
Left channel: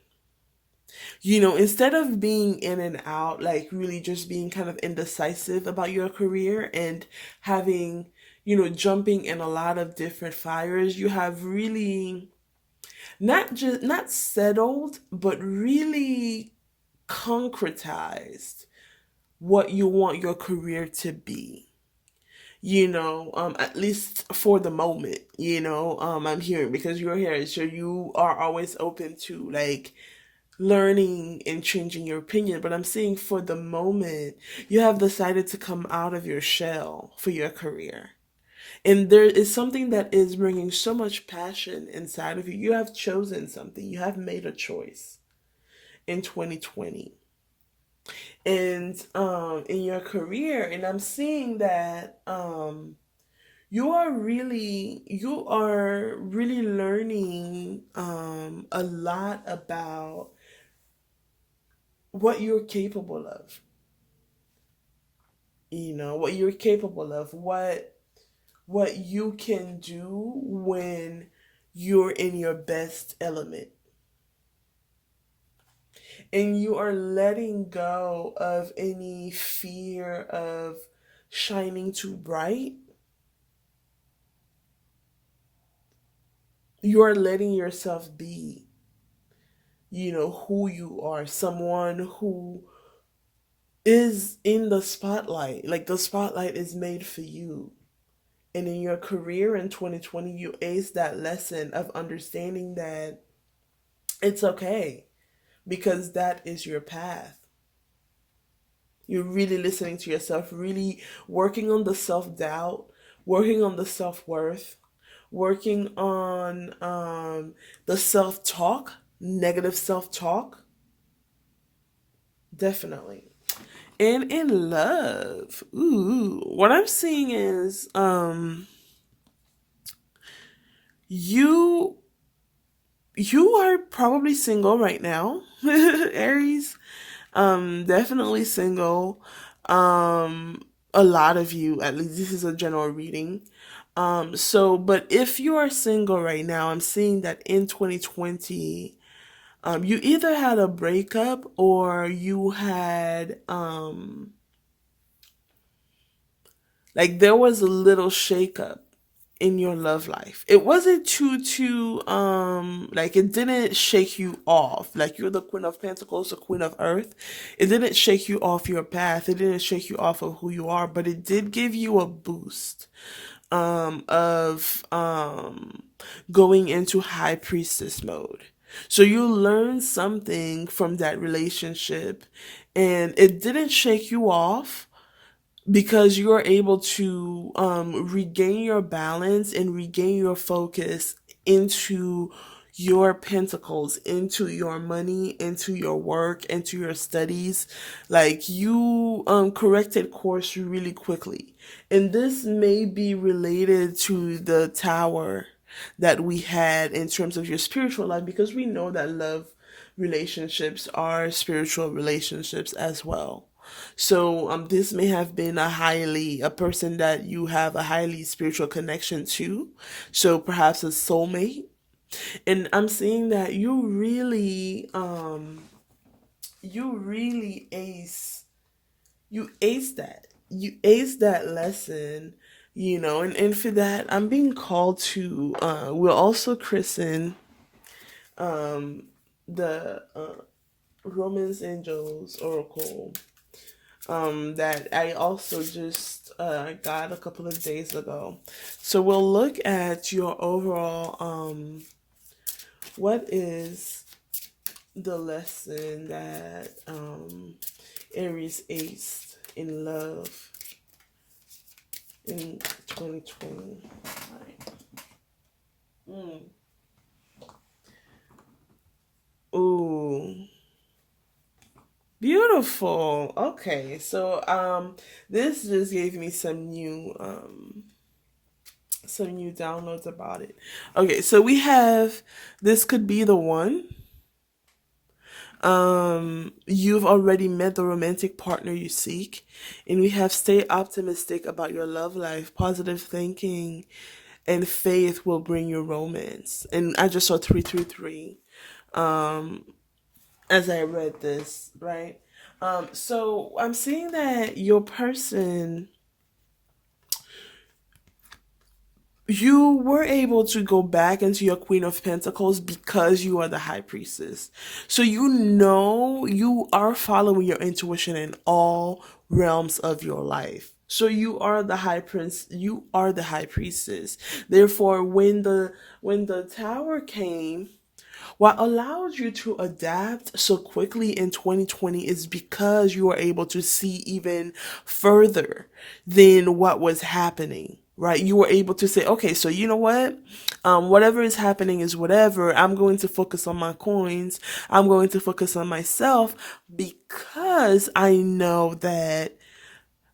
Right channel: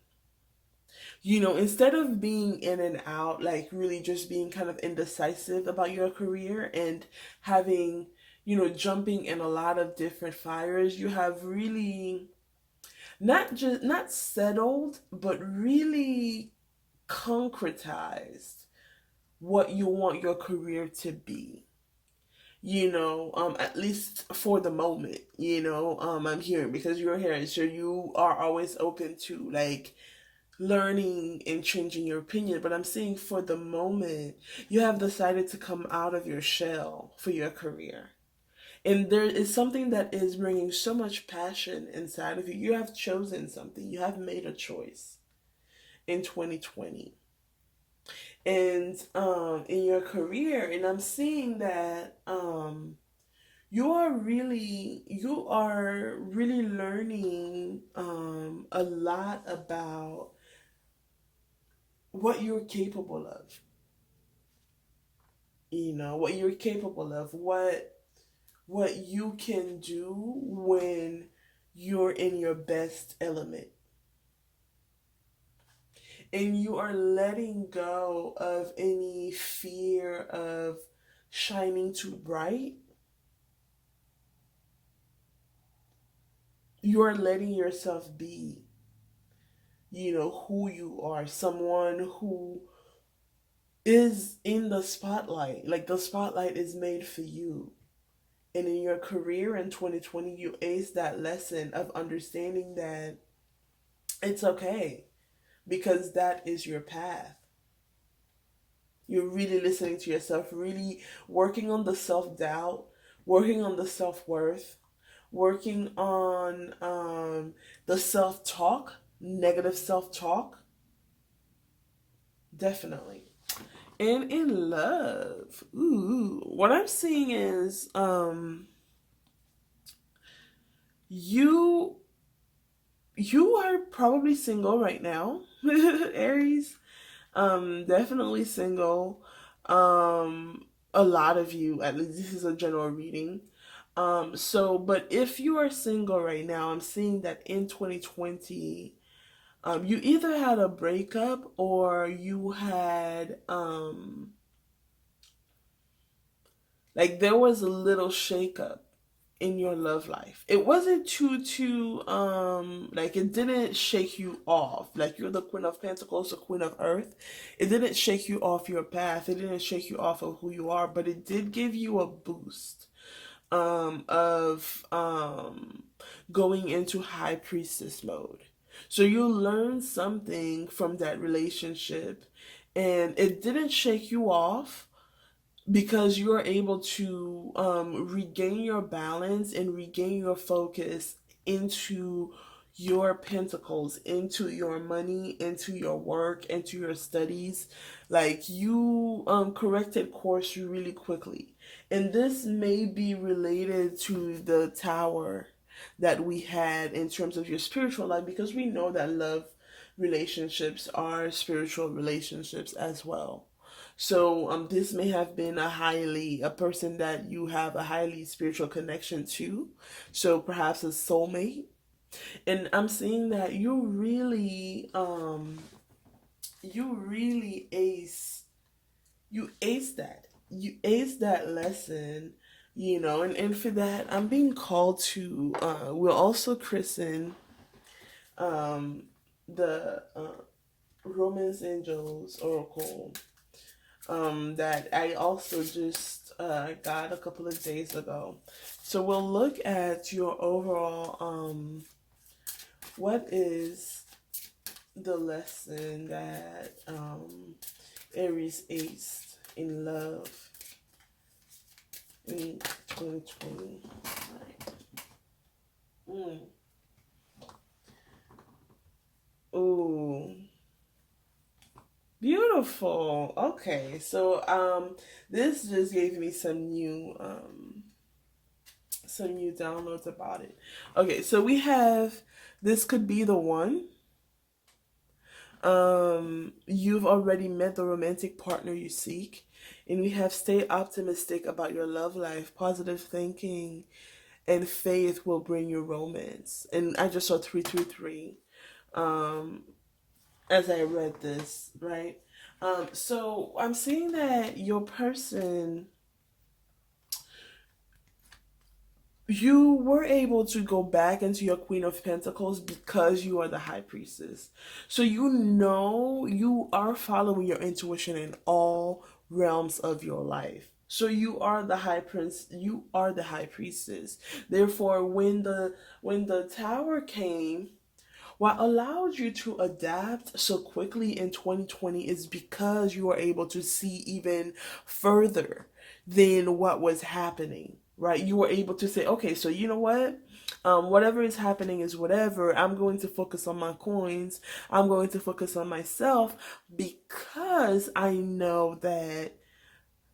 Instead of being in and out, like really just being kind of indecisive about your career and having, jumping in a lot of different fires, you have really not settled, but really concretized what you want your career to be. At least for the moment, I'm hearing because you're here, so you are always open to like learning and changing your opinion. But I'm saying for the moment, you have decided to come out of your shell for your career. And there is something that is bringing so much passion inside of you. You have chosen something, you have made a choice in 2020. And in your career, and I'm seeing that you are really learning a lot about what you're capable of. what you're capable of, what you can do when you're in your best element. And you are letting go of any fear of shining too bright. You are letting yourself be, who you are, someone who is in the spotlight. Like the spotlight is made for you. And in your career in 2020, you aced that lesson of understanding that it's okay because that is your path. You're really listening to yourself, really working on the self doubt, working on the self worth, working on the self talk, negative self talk. Definitely. And in love, what I'm seeing is you you are probably single right now, Aries. Definitely single. A lot of you, at least this is a general reading. But if you are single right now, I'm seeing that in 2020, you either had a breakup or you had, like, there was a little shakeup in your love life. It wasn't like, it didn't shake you off. Like, you're the Queen of Pentacles, the Queen of Earth. It didn't shake you off your path. It didn't shake you off of who you are, but it did give you a boost of going into high priestess mode. So you learned something from that relationship, and it didn't shake you off because you're able to regain your balance and regain your focus into your pentacles, into your money, into your work, into your studies. Like, you corrected course really quickly. And this may be related to the tower that we had in terms of your spiritual life, because we know that love relationships are spiritual relationships as well. So this may have been a person that you have a highly spiritual connection to. So perhaps a soulmate. And I'm seeing that you really ace that. You ace that lesson, and for that I'm being called to we'll also christen the Romance Angels Oracle that I also just got a couple of days ago. So we'll look at your overall what is the lesson that Aries aced in love in 2020. Mm. Ooh. Beautiful. Okay, so this just gave me some new downloads about it. Okay, so we have this could be the one. You've already met the romantic partner you seek, and we have stay optimistic about your love life. Positive thinking and faith will bring you romance. And I just saw 333. As I read this, right? So I'm seeing that your person, you were able to go back into your Queen of Pentacles because you are the High Priestess. So you are following your intuition in all realms of your life. So you are the high prince, you are the high priestess. Therefore, when the tower came, what allowed you to adapt so quickly in 2020 is because you were able to see even further than what was happening, right? You were able to say, okay, so you know what? Whatever is happening is whatever. I'm going to focus on my coins. I'm going to focus on myself because I know that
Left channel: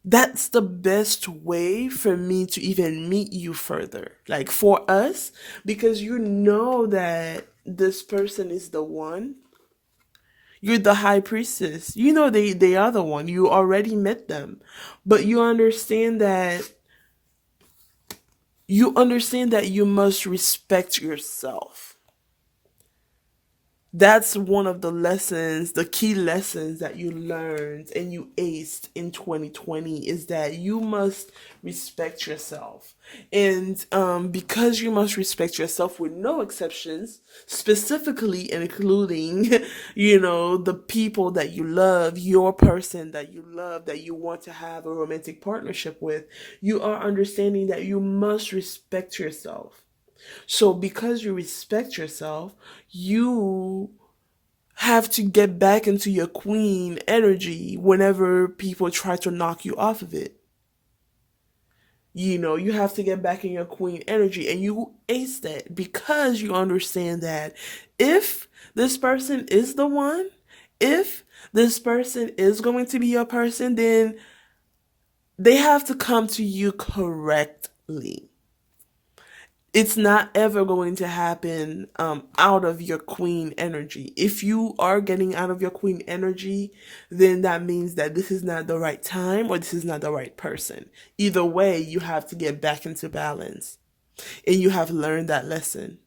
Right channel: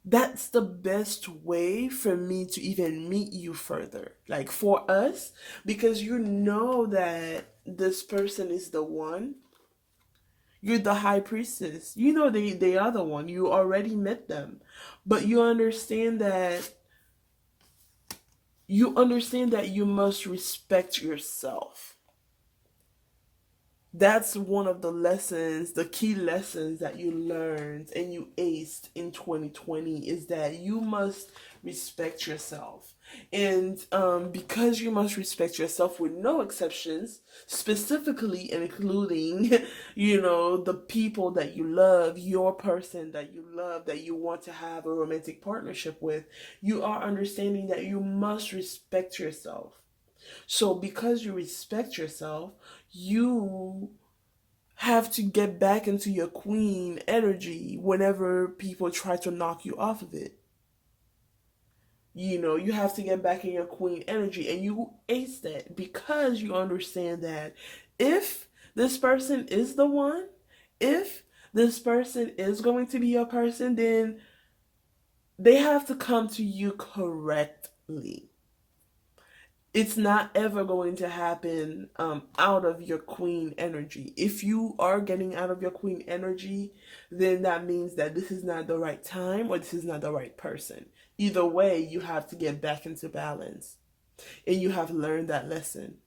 that's the best way for me to even meet you further. Like for us, because you know that this person is the one. You're the high priestess. You know they are the one. You already met them. But you understand that you must respect yourself. That's one of the lessons, the key lessons that you learned and you aced in 2020 is that you must respect yourself. And because you must respect yourself with no exceptions, specifically including, the people that you love, your person that you love, that you want to have a romantic partnership with, you are understanding that you must respect yourself. So, because you respect yourself, you have to get back into your queen energy whenever people try to knock you off of it. You have to get back in your queen energy, and you ace that because you understand that if this person is the one, if this person is going to be your person, then they have to come to you correctly. It's not ever going to happen out of your queen energy. If you are getting out of your queen energy, then that means that this is not the right time or this is not the right person. Either way, you have to get back into balance. And you have learned that lesson.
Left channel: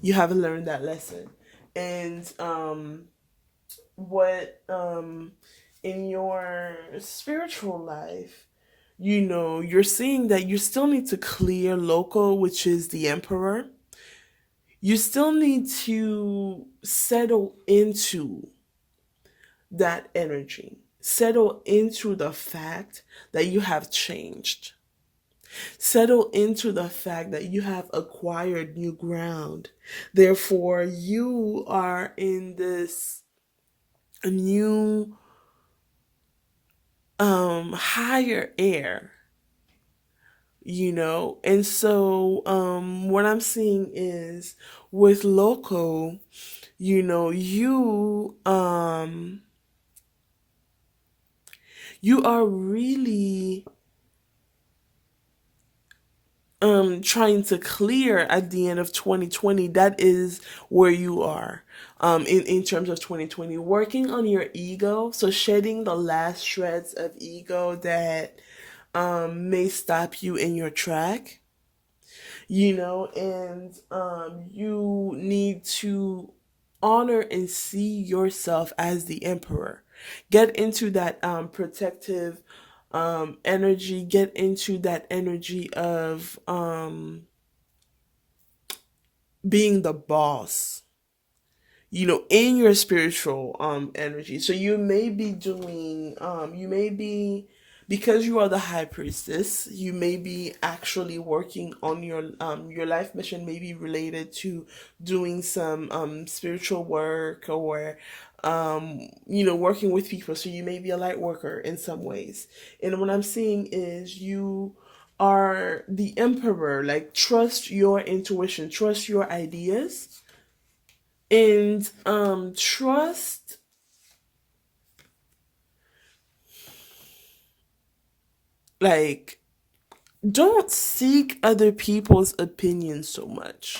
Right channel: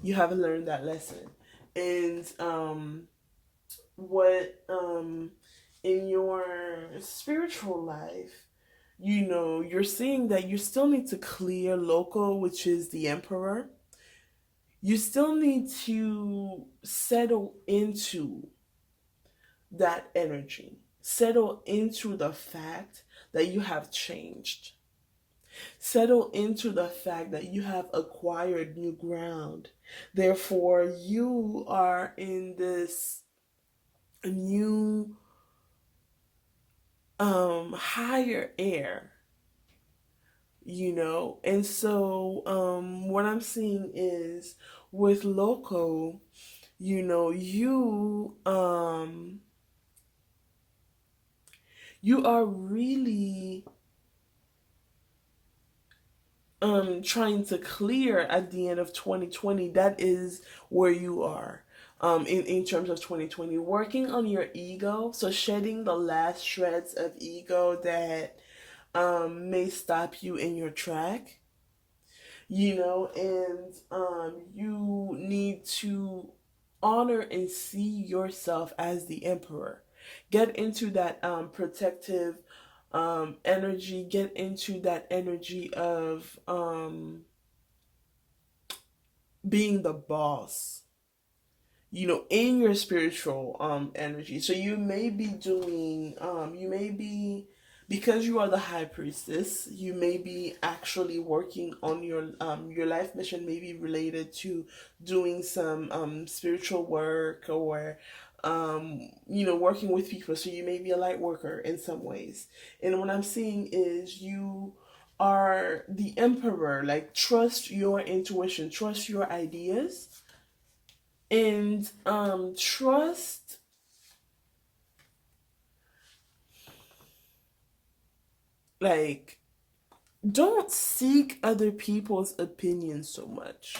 You have learned that lesson. And what in your spiritual life, you're seeing that you still need to clear local, which is the emperor. You still need to settle into that energy, settle into the fact that you have changed, settle into the fact that you have acquired new ground. Therefore, you are in this new higher air, and so what I'm seeing is with loco, you are really trying to clear at the end of 2020. That is where you are in terms of 2020, working on your ego, so shedding the last shreds of ego that may stop you in your track, and you need to honor and see yourself as the emperor. Get into that protective energy, get into that energy of being the boss, in your spiritual energy. So you may be because you are the high priestess, you may be actually working on your life mission, may be related to doing some spiritual work, or working with people. So you may be a light worker in some ways. And what I'm seeing is you are the emperor. Like, trust your intuition, trust your ideas, and trust, like, don't seek other people's opinions so much.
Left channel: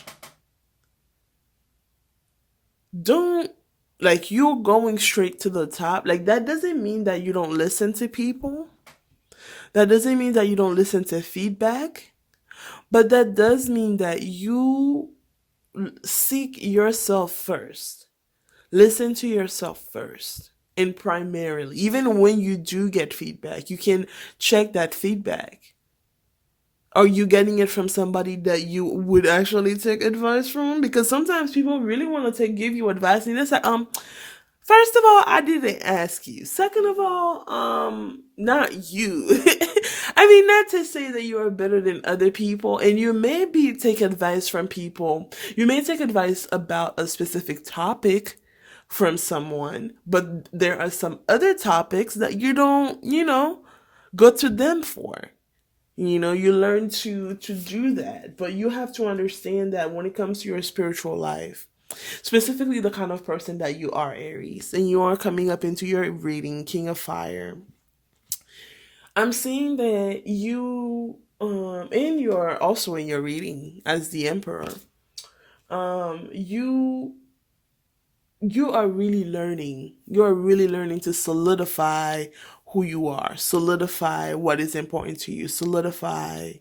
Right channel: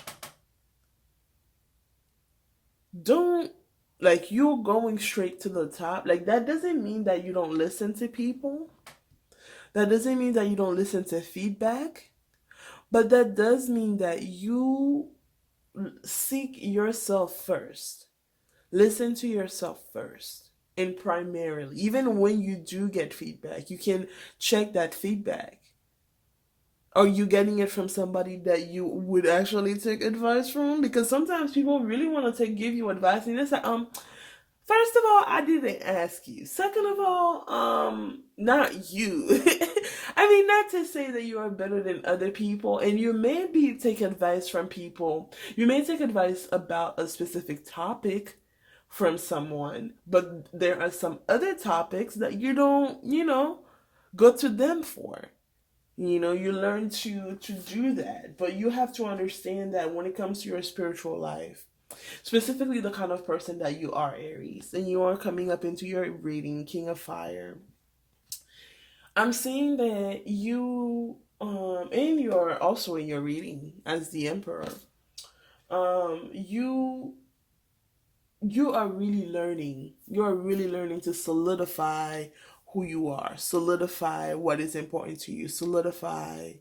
Don't, like, you going straight to the top. Like, that doesn't mean that you don't listen to people. That doesn't mean that you don't listen to feedback. But that does mean that you seek yourself first. Listen to yourself first. And primarily, even when you do get feedback, you can check that feedback. Are you getting it from somebody that you would actually take advice from? Because sometimes people really want to give you advice, and it's like, first of all, I didn't ask you. Second of all, not you. I mean, not to say that you are better than other people, and you may be take advice from people. You may take advice about a specific topic from someone, but there are some other topics that you don't, go to them for. You learn to do that, but you have to understand that when it comes to your spiritual life, specifically the kind of person that you are, Aries, and you are coming up into your reading, King of Fire. I'm seeing that you, and you're also in your reading as the Emperor. You you are really learning. You are really learning to solidify who you are, solidify what is important to you, solidify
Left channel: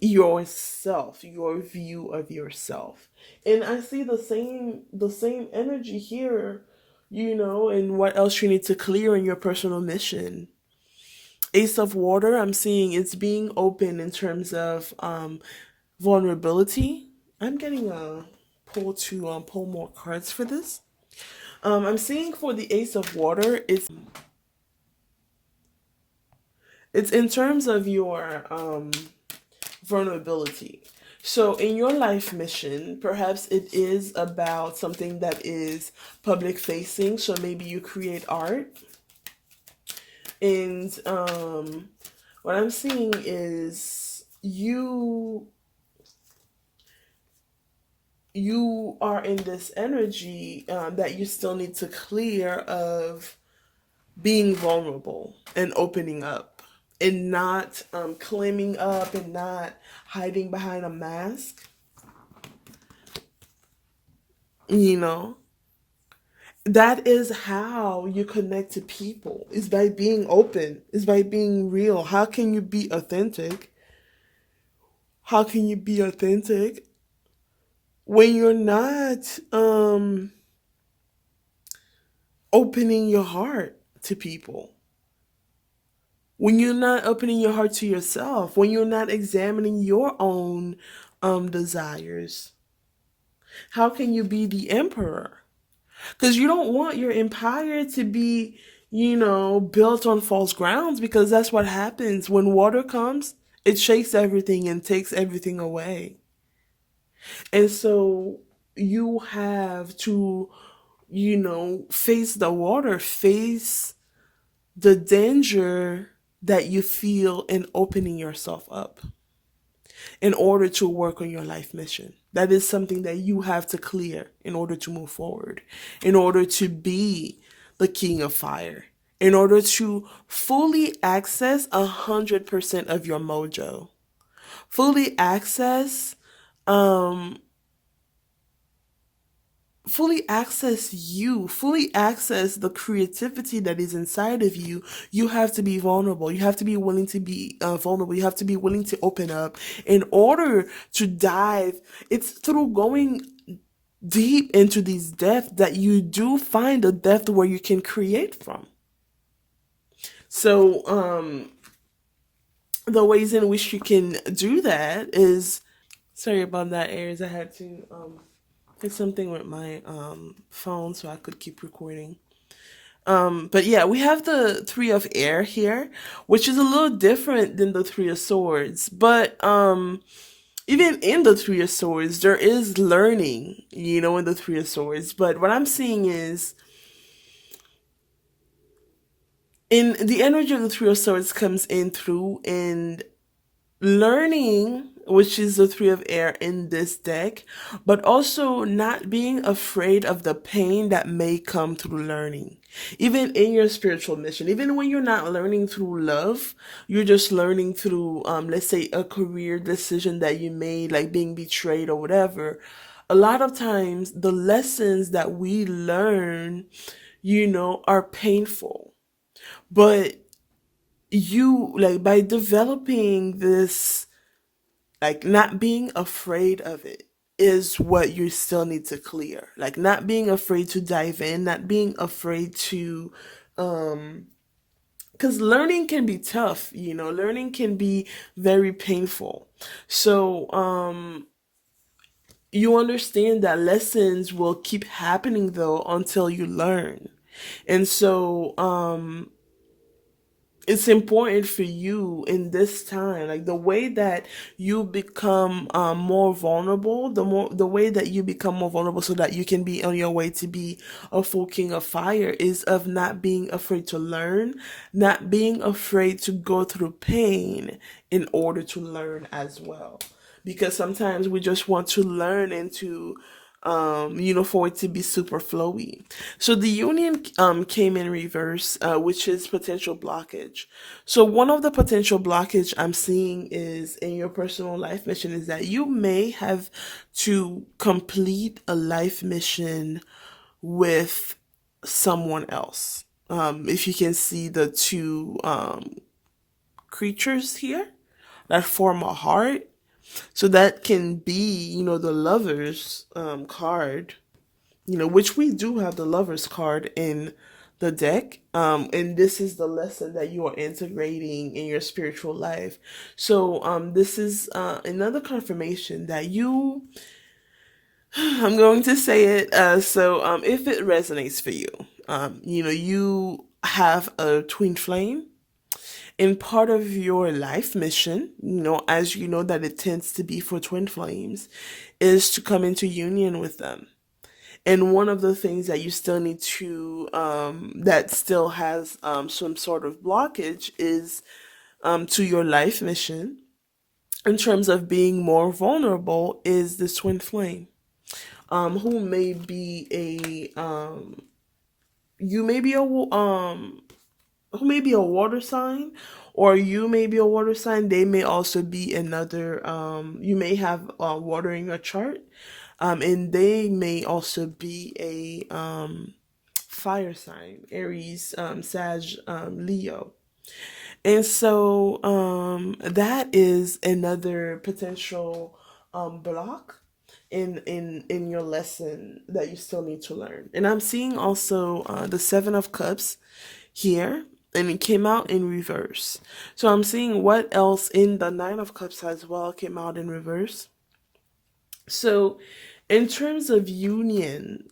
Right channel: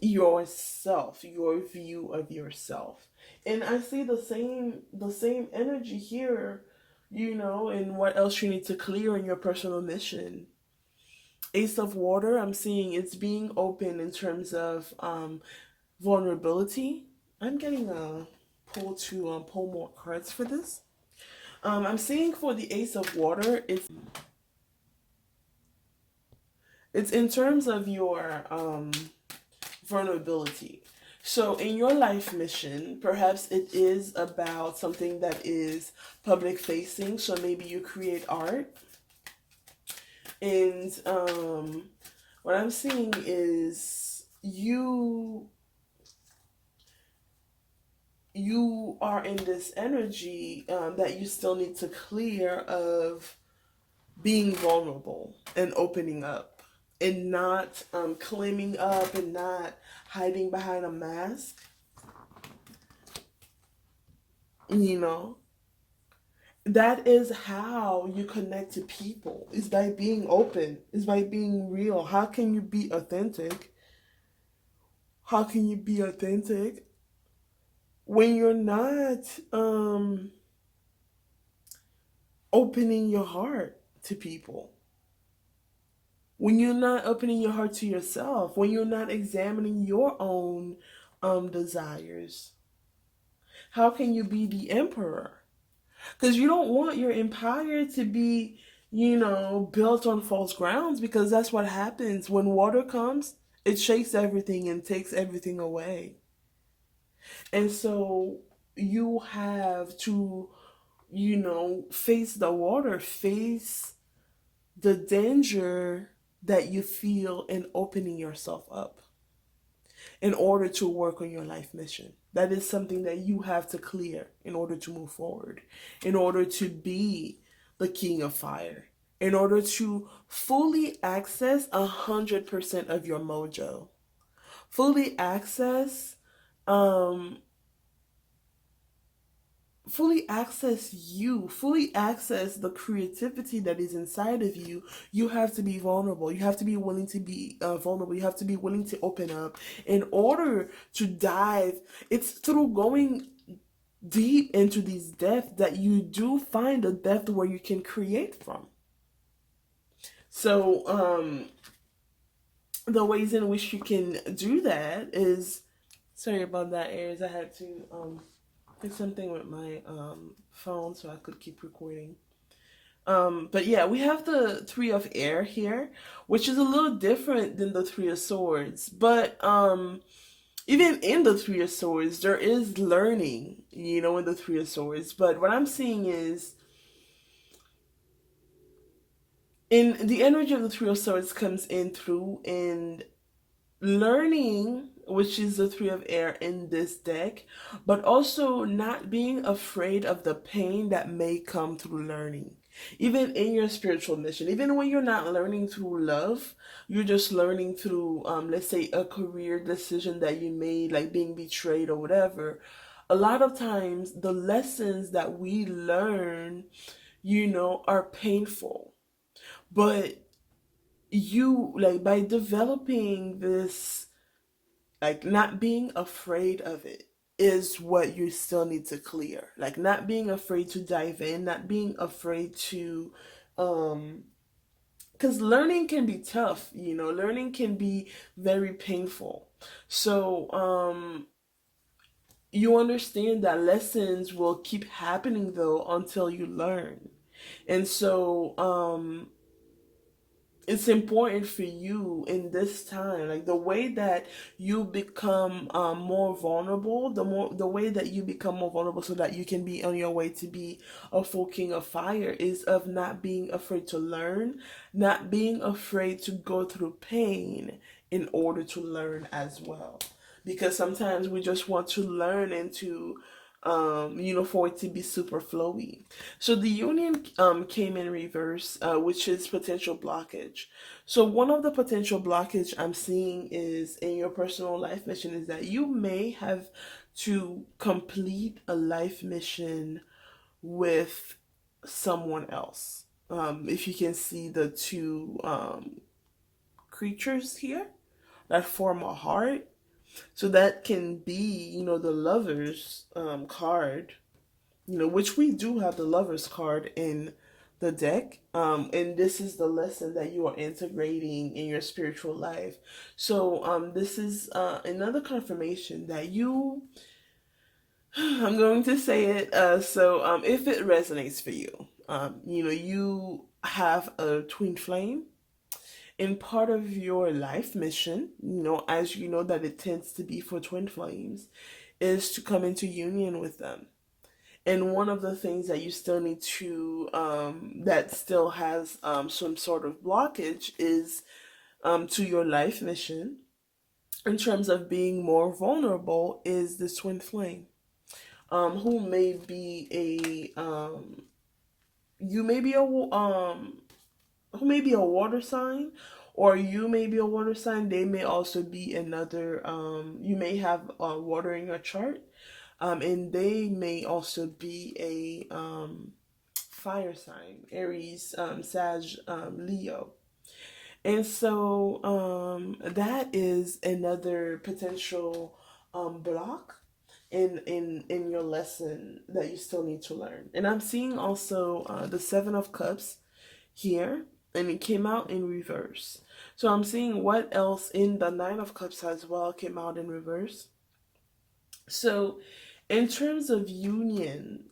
yourself, your view of yourself. And I see the same energy here, and what else you need to clear in your personal mission. Ace of Water, I'm seeing it's being open in terms of vulnerability. I'm getting a pull more cards for this. I'm seeing for the Ace of Water, it's in terms of your vulnerability. So in your life mission, perhaps it is about something that is public facing. So maybe you create art, and what I'm seeing is you are in this energy that you still need to clear of being vulnerable and opening up and not claiming up and not hiding behind a mask. You know, that is how you connect to people, is by being open, is by being real. How can you be authentic? How can you be authentic when you're not opening your heart to people? When you're not opening your heart to yourself, when you're not examining your own desires, how can you be the emperor? Because you don't want your empire to be, built on false grounds, because that's what happens when water comes. It shakes everything and takes everything away. And so you have to, face the water, face the danger that you feel in opening yourself up in order to work on your life mission. That is something that you have to clear in order to move forward, in order to be the king of fire, in order to fully access 100% of your mojo, fully access um fully access you, fully access the creativity that is inside of you. You have to be vulnerable. You have to be willing to be vulnerable. You have to be willing to open up in order to dive. It's through going deep into these depths that you do find a depth where you can create from. So, the ways in which you can do that is, sorry about that, Aries. I had to fix something with my phone so I could keep recording. But yeah, we have the Three of Air here, which is a little different than the Three of Swords. But even in the Three of Swords, there is learning, in the Three of Swords. But what I'm seeing is, in the energy of the Three of Swords comes in through in learning, which is the Three of Air in this deck, but also not being afraid of the pain that may come through learning. Even in your spiritual mission, even when you're not learning through love, you're just learning through, let's say, a career decision that you made, like being betrayed or whatever. A lot of times, the lessons that we learn, are painful. But you, like, by developing this, like, not being afraid of it is what you still need to clear. Like, not being afraid to dive in, not being afraid to um because learning can be tough, learning can be very painful. So you understand that lessons will keep happening though until you learn. And so it's important for you in this time, like the way that you become more vulnerable, the way that you become more vulnerable so that you can be on your way to be a full king of fire, is of not being afraid to learn, not being afraid to go through pain in order to learn as well. Because sometimes we just want to learn and to for it to be super flowy. So the union came in reverse, which is potential blockage. So one of the potential blockage I'm seeing is in your personal life mission is that you may have to complete a life mission with someone else. If you can see the two creatures here that form a heart, so that can be, the lovers card, which we do have the lovers card in the deck. And this is the lesson that you are integrating in your spiritual life. So this is another confirmation that you, I'm going to say it. So if it resonates for you, you have a twin flame in part of your life mission, as you know that it tends to be for twin flames, is to come into union with them. And one of the things that you still need to, that still has some sort of blockage is to your life mission in terms of being more vulnerable is this twin flame, who may be you may be who may be a water sign, or you may be a water sign. They may also be another, you may have water in your chart, and they may also be a fire sign, Aries, Sag, Leo. And so that is another potential block in your lesson that you still need to learn. And I'm seeing also the Seven of Cups here, and it came out in reverse. So I'm seeing what else in the Nine of Cups as well came out in reverse. So in terms of union,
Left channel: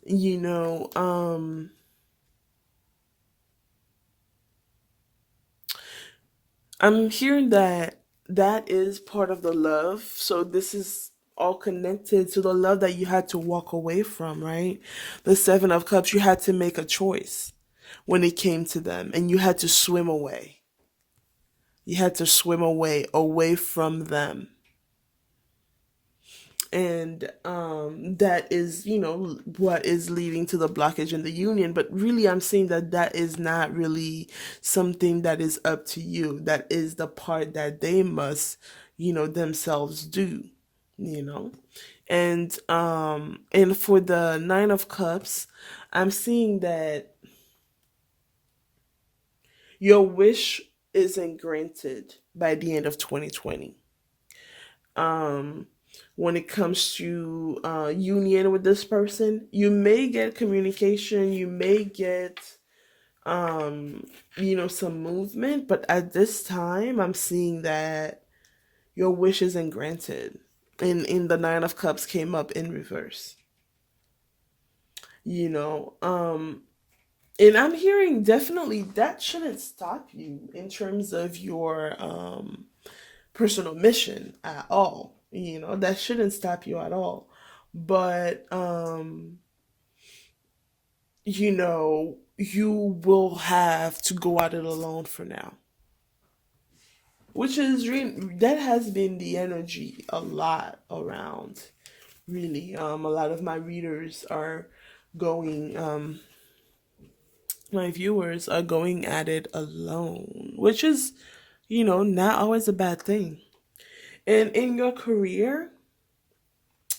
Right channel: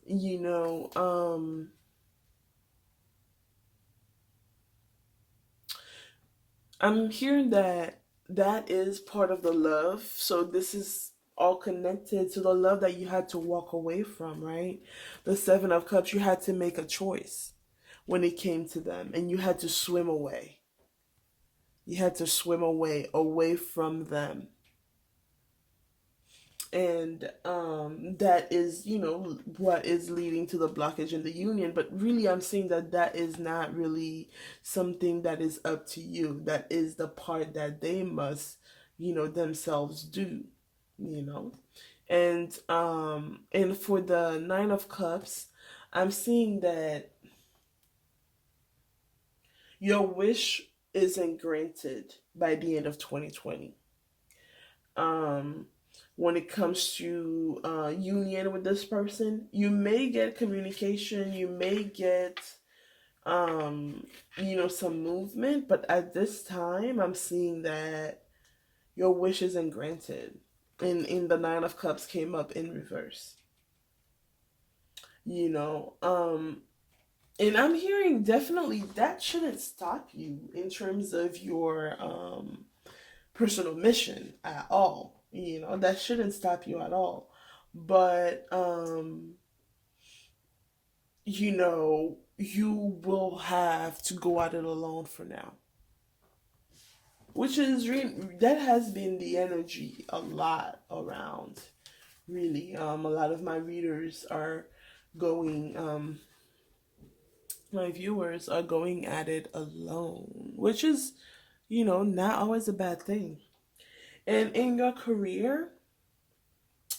I'm hearing that that is part of the love. So this is all connected to the love that you had to walk away from, right? The Seven of Cups, you had to make a choice when it came to them, and you had to swim away. You had to swim away from them. And that is, what is leading to the blockage in the union. But really, I'm saying that that is not really something that is up to you. That is the part that they must, themselves do, you know. And for the Nine of Cups, I'm seeing that your wish isn't granted by the end of 2020. Um, when it comes to union with this person, you may get communication, you may get some movement, but at this time, I'm seeing that your wish isn't granted. In the Nine of Cups came up in reverse. You know, and I'm hearing definitely that shouldn't stop you in terms of your personal mission at all. That shouldn't stop you at all. But you will have to go at it alone for now. Which is that has been the energy a lot around. Really, a lot of my readers are going. My viewers are going at it alone, which is, not always a bad thing. And in your career,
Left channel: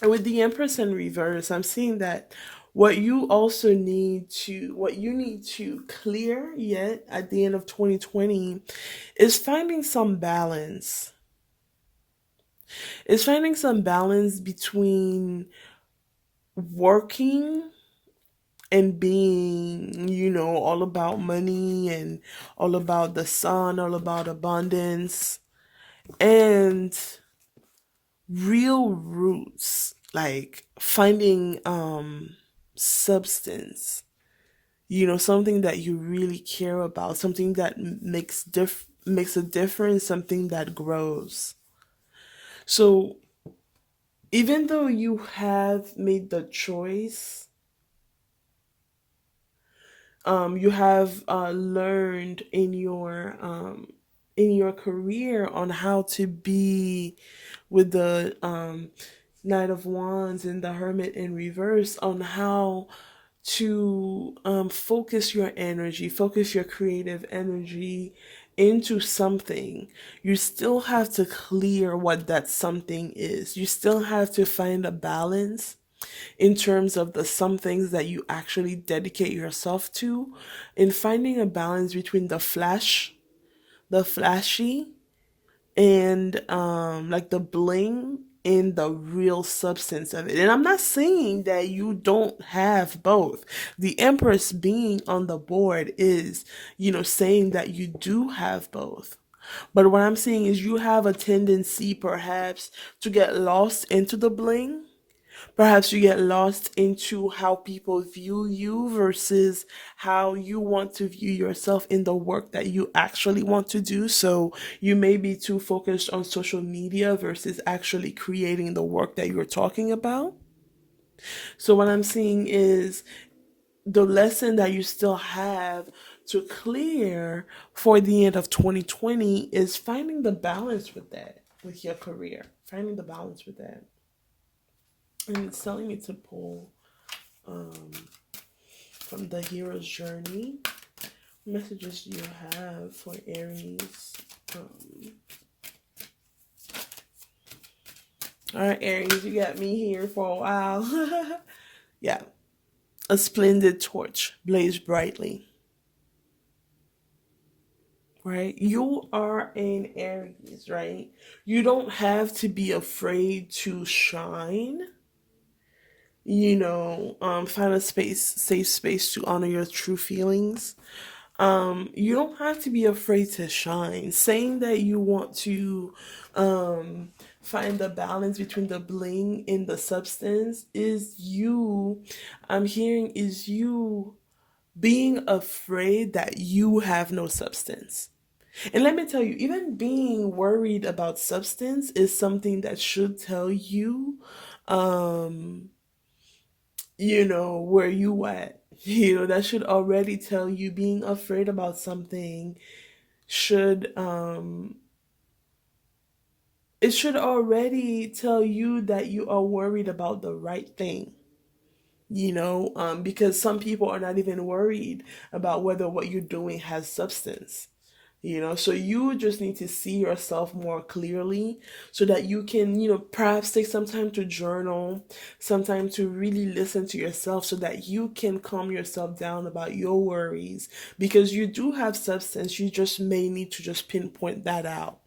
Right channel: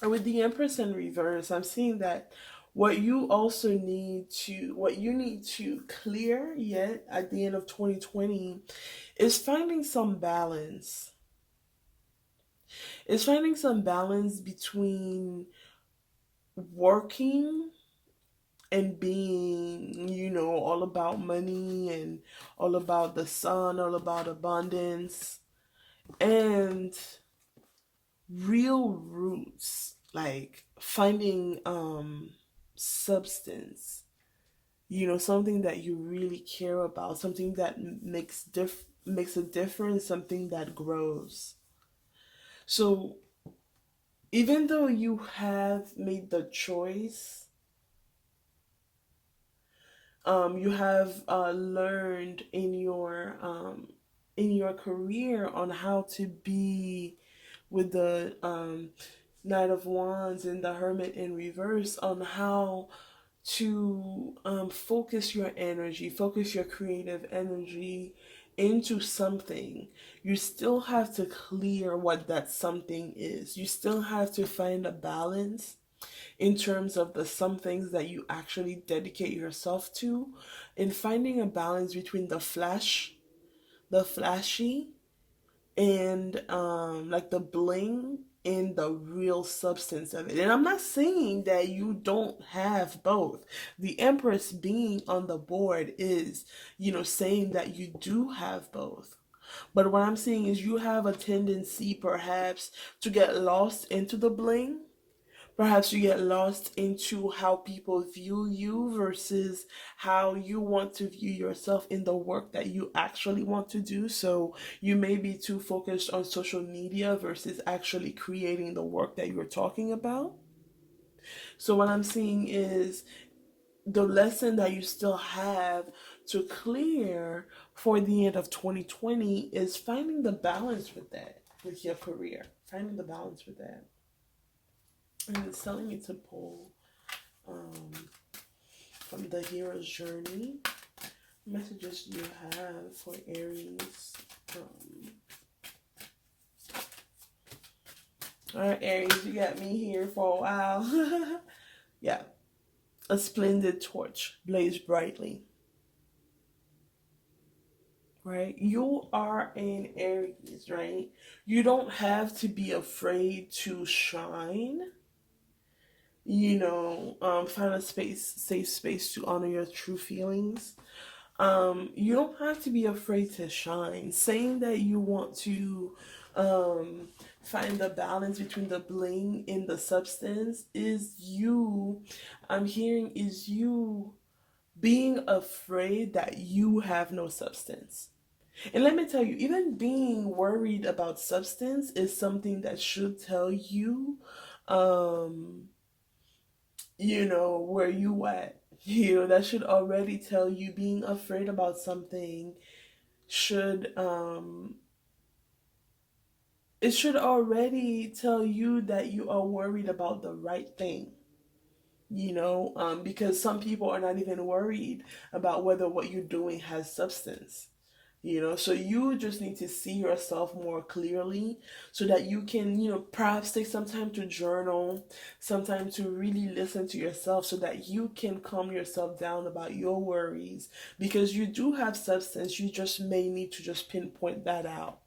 with the Empress in reverse, I'm seeing that what you need to clear yet at the end of 2020 is finding some balance. Is finding some balance between working and being, all about money and all about the sun, all about abundance, and real roots, like finding substance, something that you really care about, something that makes a difference, something that grows. So even though you have made the choice, you have learned in your career on how to be with the Knight of Wands and the Hermit in reverse on how to focus your energy, focus your creative energy into something. You still have to clear what that something is. You still have to find a balance in terms of the some things that you actually dedicate yourself to, in finding a balance between the flashy, and like the bling and the real substance of it. And I'm not saying that you don't have both. The Empress being on the board is, saying that you do have both. But what I'm saying is you have a tendency perhaps to get lost into the bling. Perhaps you get lost into how people view you versus how you want to view yourself in the work that you actually want to do. So you may be too focused on social media versus actually creating the work that you're talking about. So what I'm seeing is the lesson that you still have to clear for the end of 2020 is finding the balance with that, with your career, finding the balance with that. And it's telling me to pull um, from the hero's journey messages you have for Aries. All right, Aries, you got me here for a while. Yeah, a splendid torch blazed brightly. Right, you are an Aries, right? You don't have to be afraid to shine. Find a safe space to honor your true feelings. You don't have to be afraid to shine. Saying that you want to find the balance between the bling and the substance is you, I'm hearing, is you being afraid that you have no substance. And let me tell you, even being worried about substance is something that should tell you, um, where you at. That should already tell you being afraid about something should it should already tell you that you are worried about the right thing. Because some people are not even worried about whether what you're doing has substance. So you just need to see yourself more clearly so that you can, perhaps take some time to journal, some time to really listen to yourself so that you can calm yourself down about your worries, because you do have substance. You just may need to just pinpoint that out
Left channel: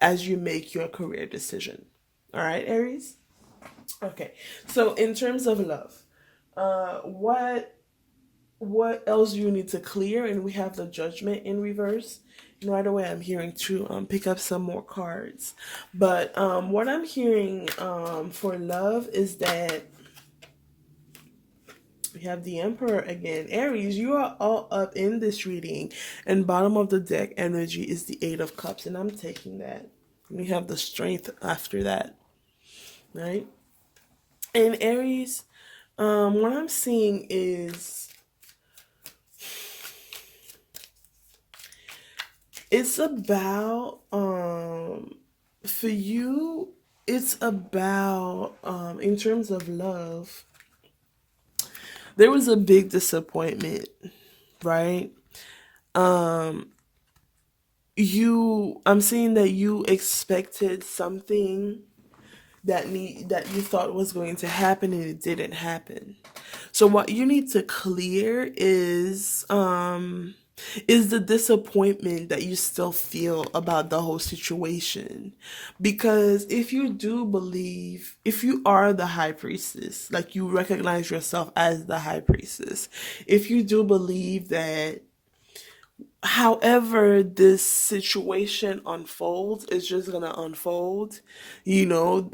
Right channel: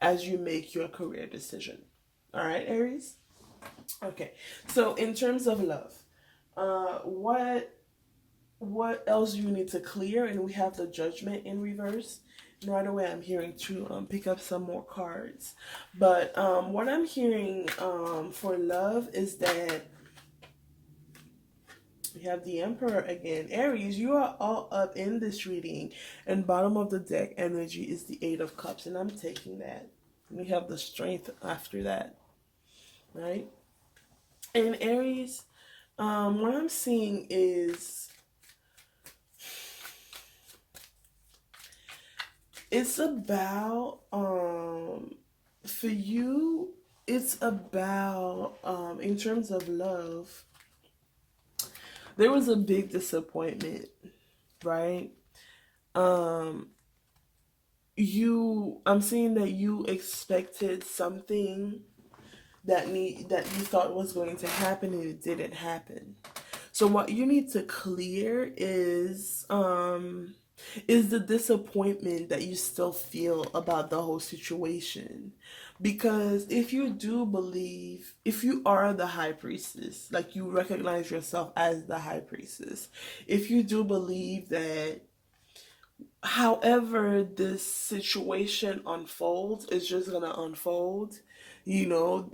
as you make your career decision. All right, Aries? Okay. So in terms of love, what else do you need to clear? And we have the Judgment in reverse. And right away, I'm hearing to pick up some more cards. But what I'm hearing for love is that we have the Emperor again. Aries, you are all up in this reading. And bottom of the deck energy is the Eight of Cups. And I'm taking that. We have the Strength after that. Right? And Aries, what I'm seeing is it's about for you, it's about in terms of love, there was a big disappointment, right? um I'm seeing that you expected something that you thought was going to happen and it didn't happen. So what you need to clear is the disappointment that you still feel about the whole situation. Because if you do believe, if you are the high priestess, like you recognize yourself as the high priestess, if you do believe that however this situation unfolds is just gonna unfold, you're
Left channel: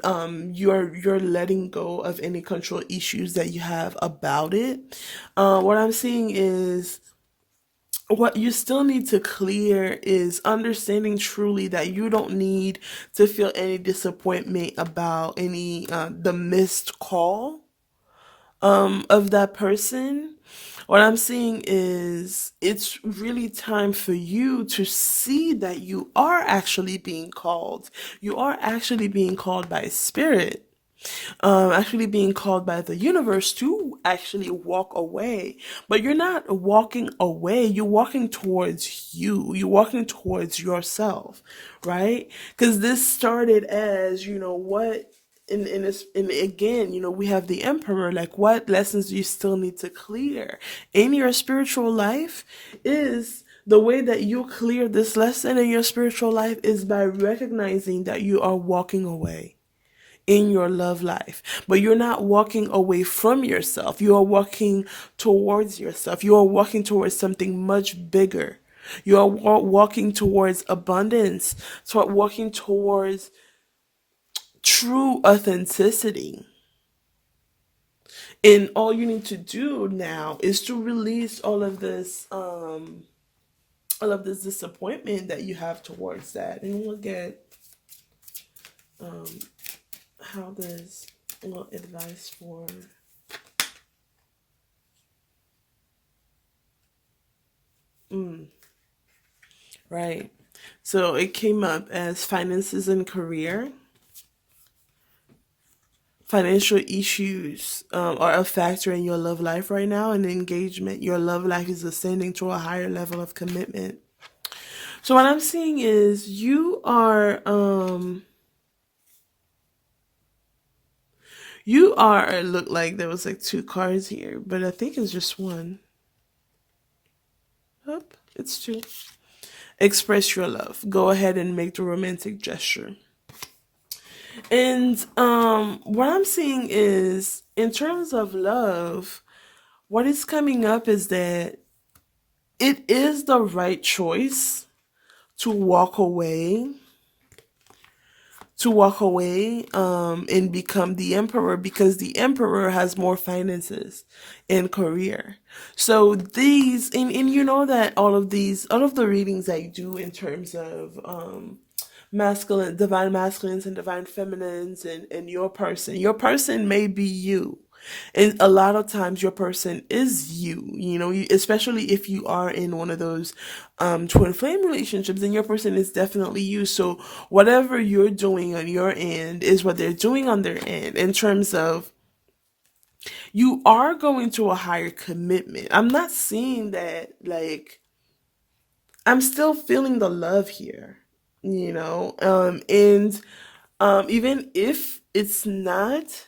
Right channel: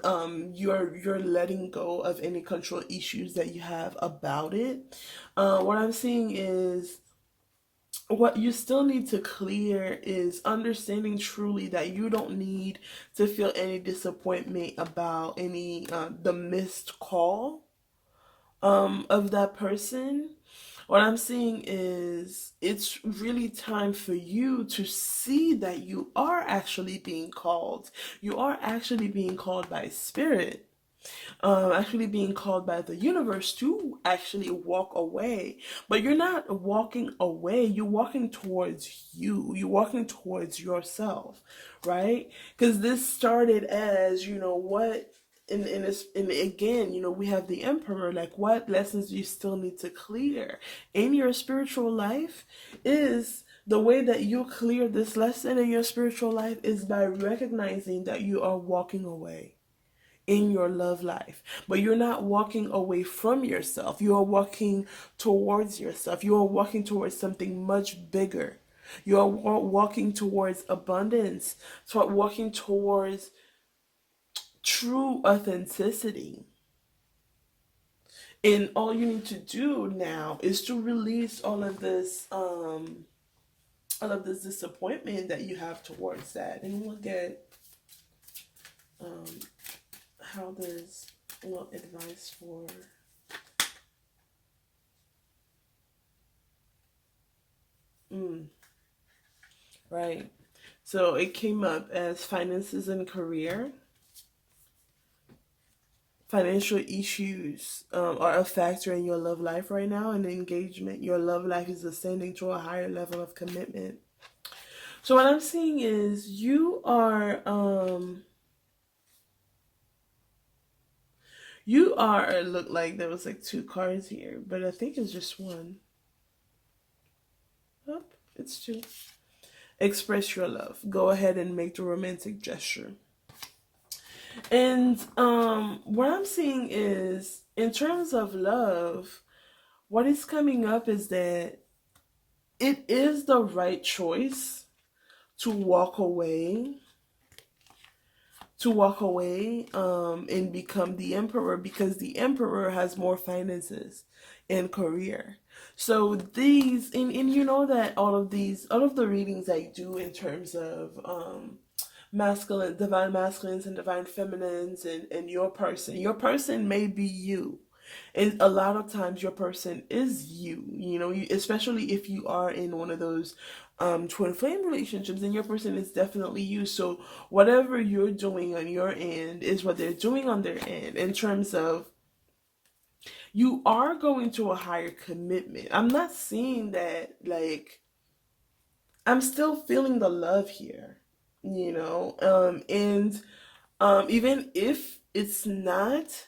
letting go of any control issues that you have about it. What I'm seeing is what you still need to clear is understanding truly that you don't need to feel any disappointment about any the missed call of that person. What I'm seeing is it's really time for you to see that you are actually being called. You are actually being called by spirit. actually being called by the universe to actually walk away. But you're not walking away, you're walking towards you, you're walking towards yourself, right? Because this started as, what in this, and again, we have the emperor, like what lessons do you still need to clear in your spiritual life? Is the way that you clear this lesson in your spiritual life is by recognizing that you are walking away in your love life. But you're not walking away from yourself. You are walking towards yourself. You are walking towards something much bigger. You are walking towards abundance, walking towards true authenticity. And all you need to do now is to release all of this disappointment that you have towards that. And look at um, how there's a little advice for right. So it came up as finances and career. Financial issues are a factor in your love life right now, and engagement. Your love life is ascending to a higher level of commitment. So what I'm seeing is it looked like there was like two cards here, but I think it's just one. Oh, it's two. Express your love. Go ahead and make the romantic gesture. And what I'm seeing is, in terms of love, what is coming up is that it is the right choice to walk away, and become the emperor, because the emperor has more finances and career. So and you know that all of the readings I do in terms of divine masculines and divine feminines, and your person may be you. And a lot of times your person is especially if you are in one of those twin flame relationships, then your person is definitely you. So whatever you're doing on your end is what they're doing on their end, in terms of you are going to a higher commitment. I'm not seeing that, like, I'm still feeling the love here, and even if it's not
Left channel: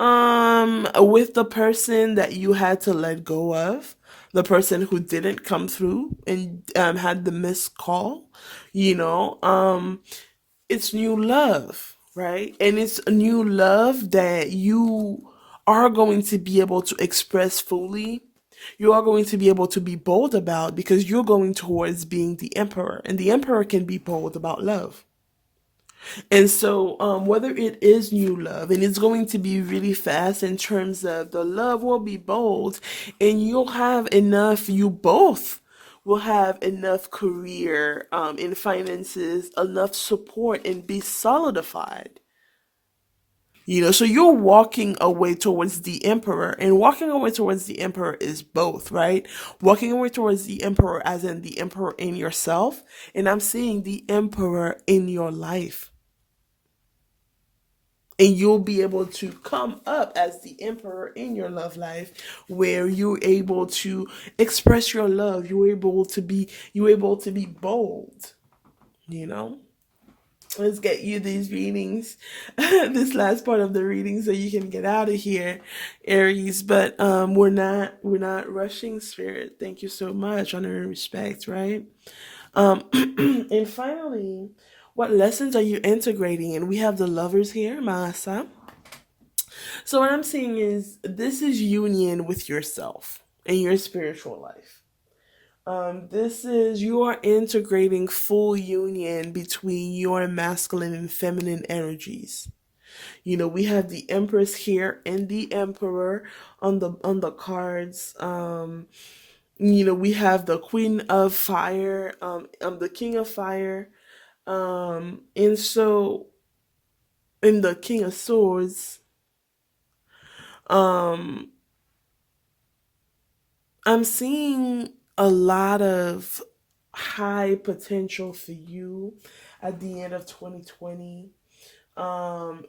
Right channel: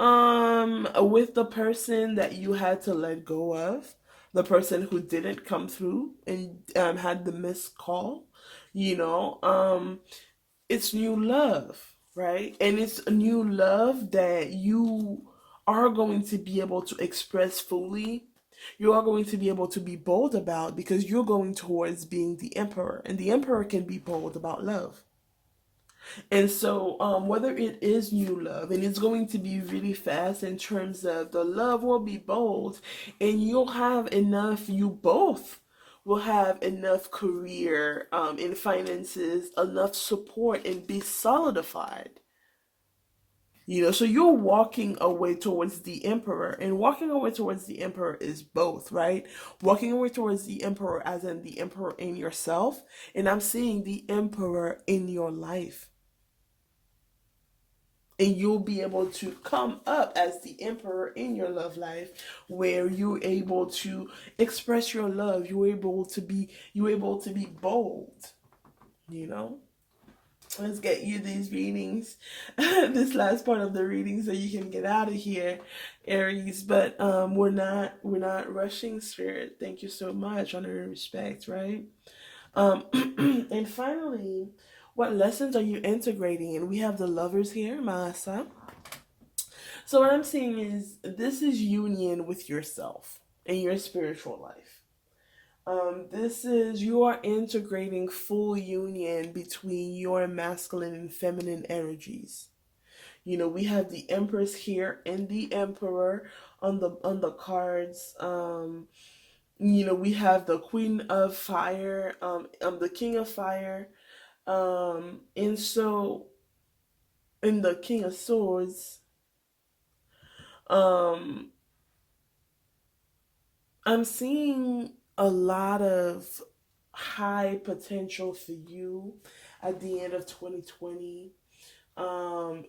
with the person that you had to let go of, the person who didn't come through and had the missed call, you know um it's new love, right? And it's a new love that you are going to be able to express fully. You are going to be able to be bold about, because you're going towards being the emperor, and the emperor can be bold about love. And so, whether it is new love, and it's going to be really fast in terms of the love will be bold, and you both will have enough career in finances, enough support, and be solidified. So you're walking away towards the emperor, and walking away towards the emperor is both, right? Walking away towards the emperor, as in the emperor in yourself, and I'm seeing the emperor in your life. And you'll be able to come up as the emperor in your love life, where you're able to express your love. You're able to be bold, you know let's get you these readings, this last part of the reading, so you can get out of here, Aries. But we're not rushing, spirit. Thank you so much. Honor and respect, right? And finally, what lessons are you integrating? And we have the lovers here, Malasa. So what I'm seeing is, this is union with yourself and your spiritual life. This is, you are integrating full union between your masculine and feminine energies. We have the Empress here and the Emperor on the cards. We have the Queen of Fire, the King of Fire, and so in the King of Swords. Um, I'm seeing a lot of high potential for you at the end of 2020.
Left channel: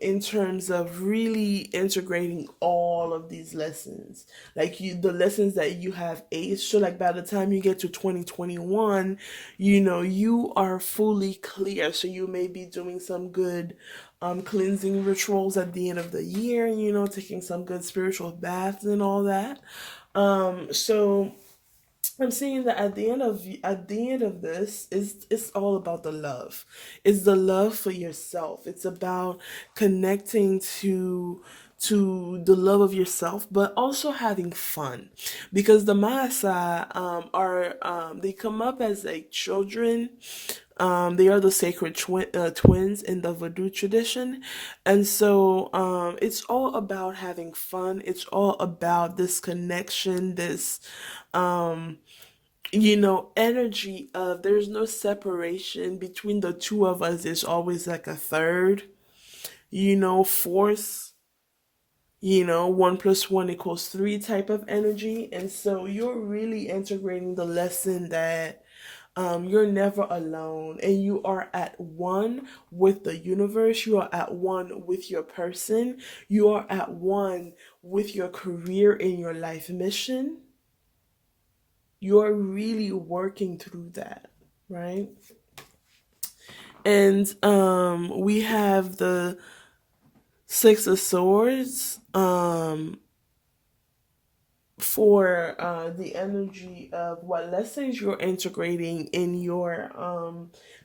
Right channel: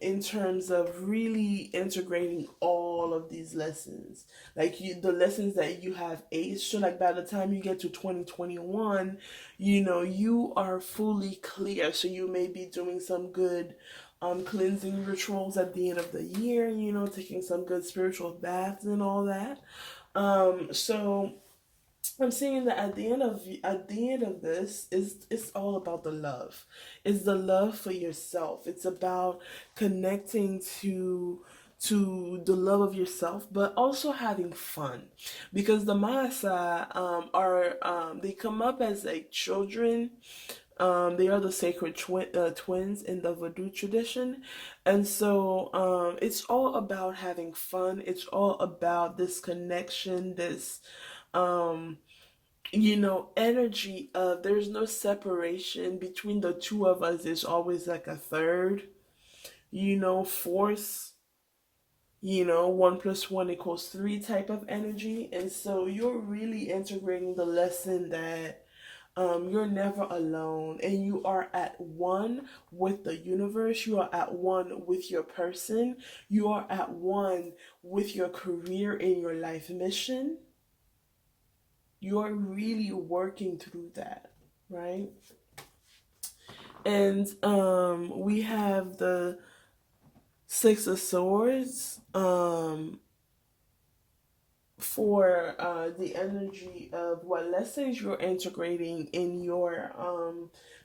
in terms of really integrating all of these lessons, like the lessons that you have aged. So like by the time you get to 2021, you are fully clear. So you may be doing some good cleansing rituals at the end of the year, taking some good spiritual baths and all that. So I'm seeing that at the end of this is it's all about the love. It's the love for yourself. It's about connecting to the love of yourself, but also having fun, because the Maasa are they come up as like children. They are the sacred twins in the Voodoo tradition, and so it's all about having fun. It's all about this connection, this energy of there's no separation between the two of us. There's always like a third, force, 1 plus 1 equals 3 type of energy. And so you're really integrating the lesson that you're never alone, and you are at one with the universe. You are at one with your person. You are at one with your career and your life mission. You're really working through that, right? And we have the Six of Swords for the energy of what lessons you're integrating in your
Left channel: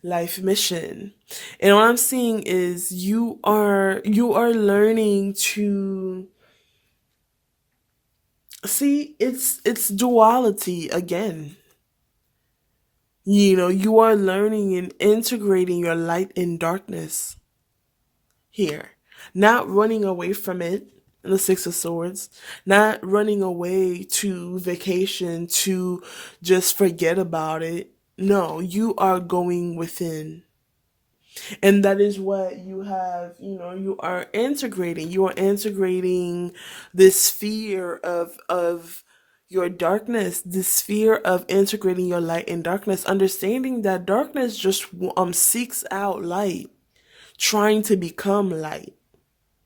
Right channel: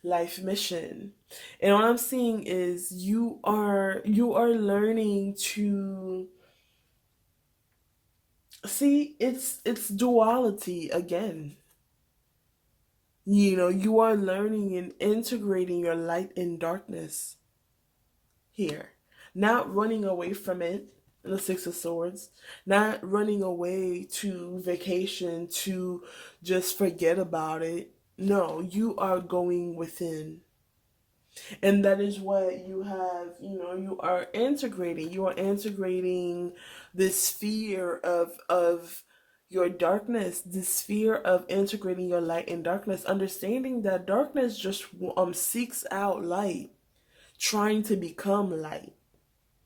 life mission. And what I'm seeing is you are learning to see it's duality again. You are learning and integrating your light and darkness here, not running away from it. The Six of Swords, not running away to vacation to just forget about it. No, you are going within. And that is what you have, you are integrating this sphere of your darkness, this sphere of integrating your light and darkness, understanding that darkness just seeks out light, trying to become light.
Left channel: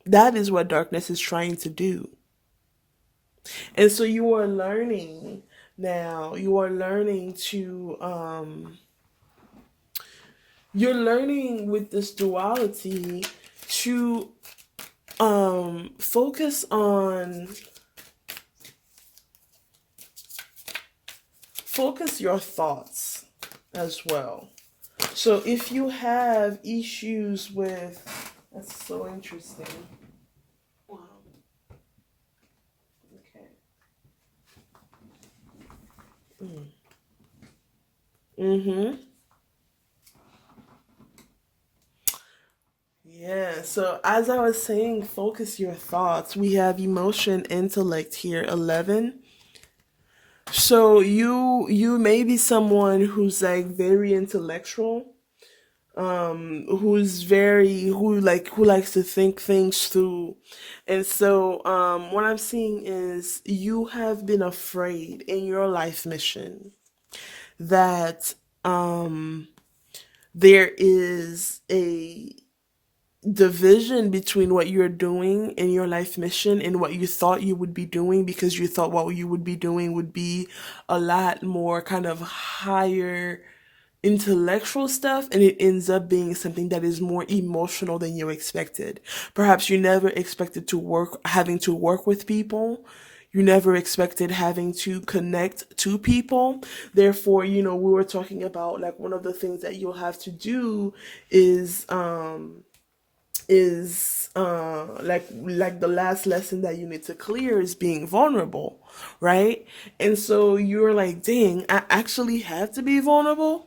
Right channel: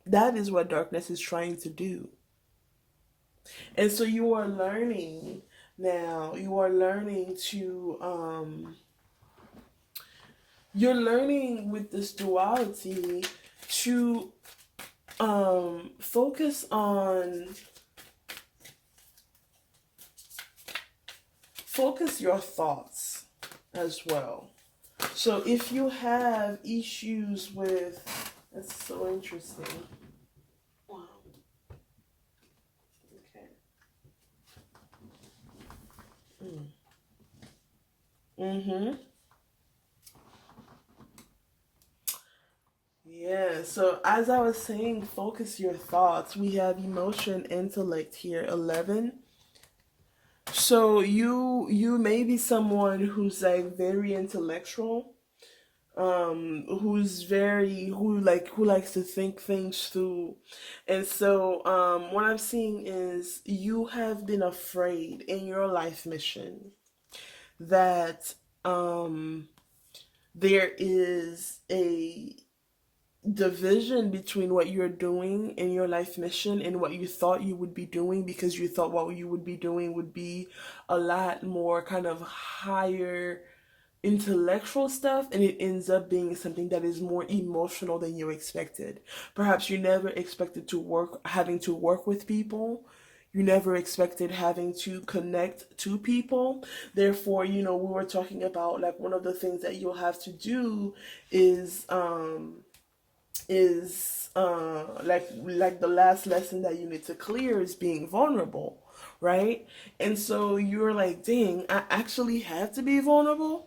That is what darkness is trying to do. And so you are learning now, you're learning with this duality to focus on focus your thoughts as well. So if you have issues with, that's so interesting. Wow. Okay. Mm-hmm. Yeah, so as I was saying, focus your thoughts. We have emotion, intellect here, 11. So you may be someone who's like very intellectual, who likes to think things through. And so what I'm seeing is you have been afraid in your life mission that there is a division between what you're doing in your life mission and what you thought you would be doing, because you thought what you would be doing would be a lot more kind of higher intellectual stuff, and it ends up being something that is more emotional than you expected. Perhaps you never expected having to work with people. You never expected having to connect to people. Therefore, we were talking about like one of the things that you'll have to do is like the last lesson that you need to clear is being vulnerable, right? And so you're like, dang, I actually have to be vulnerable.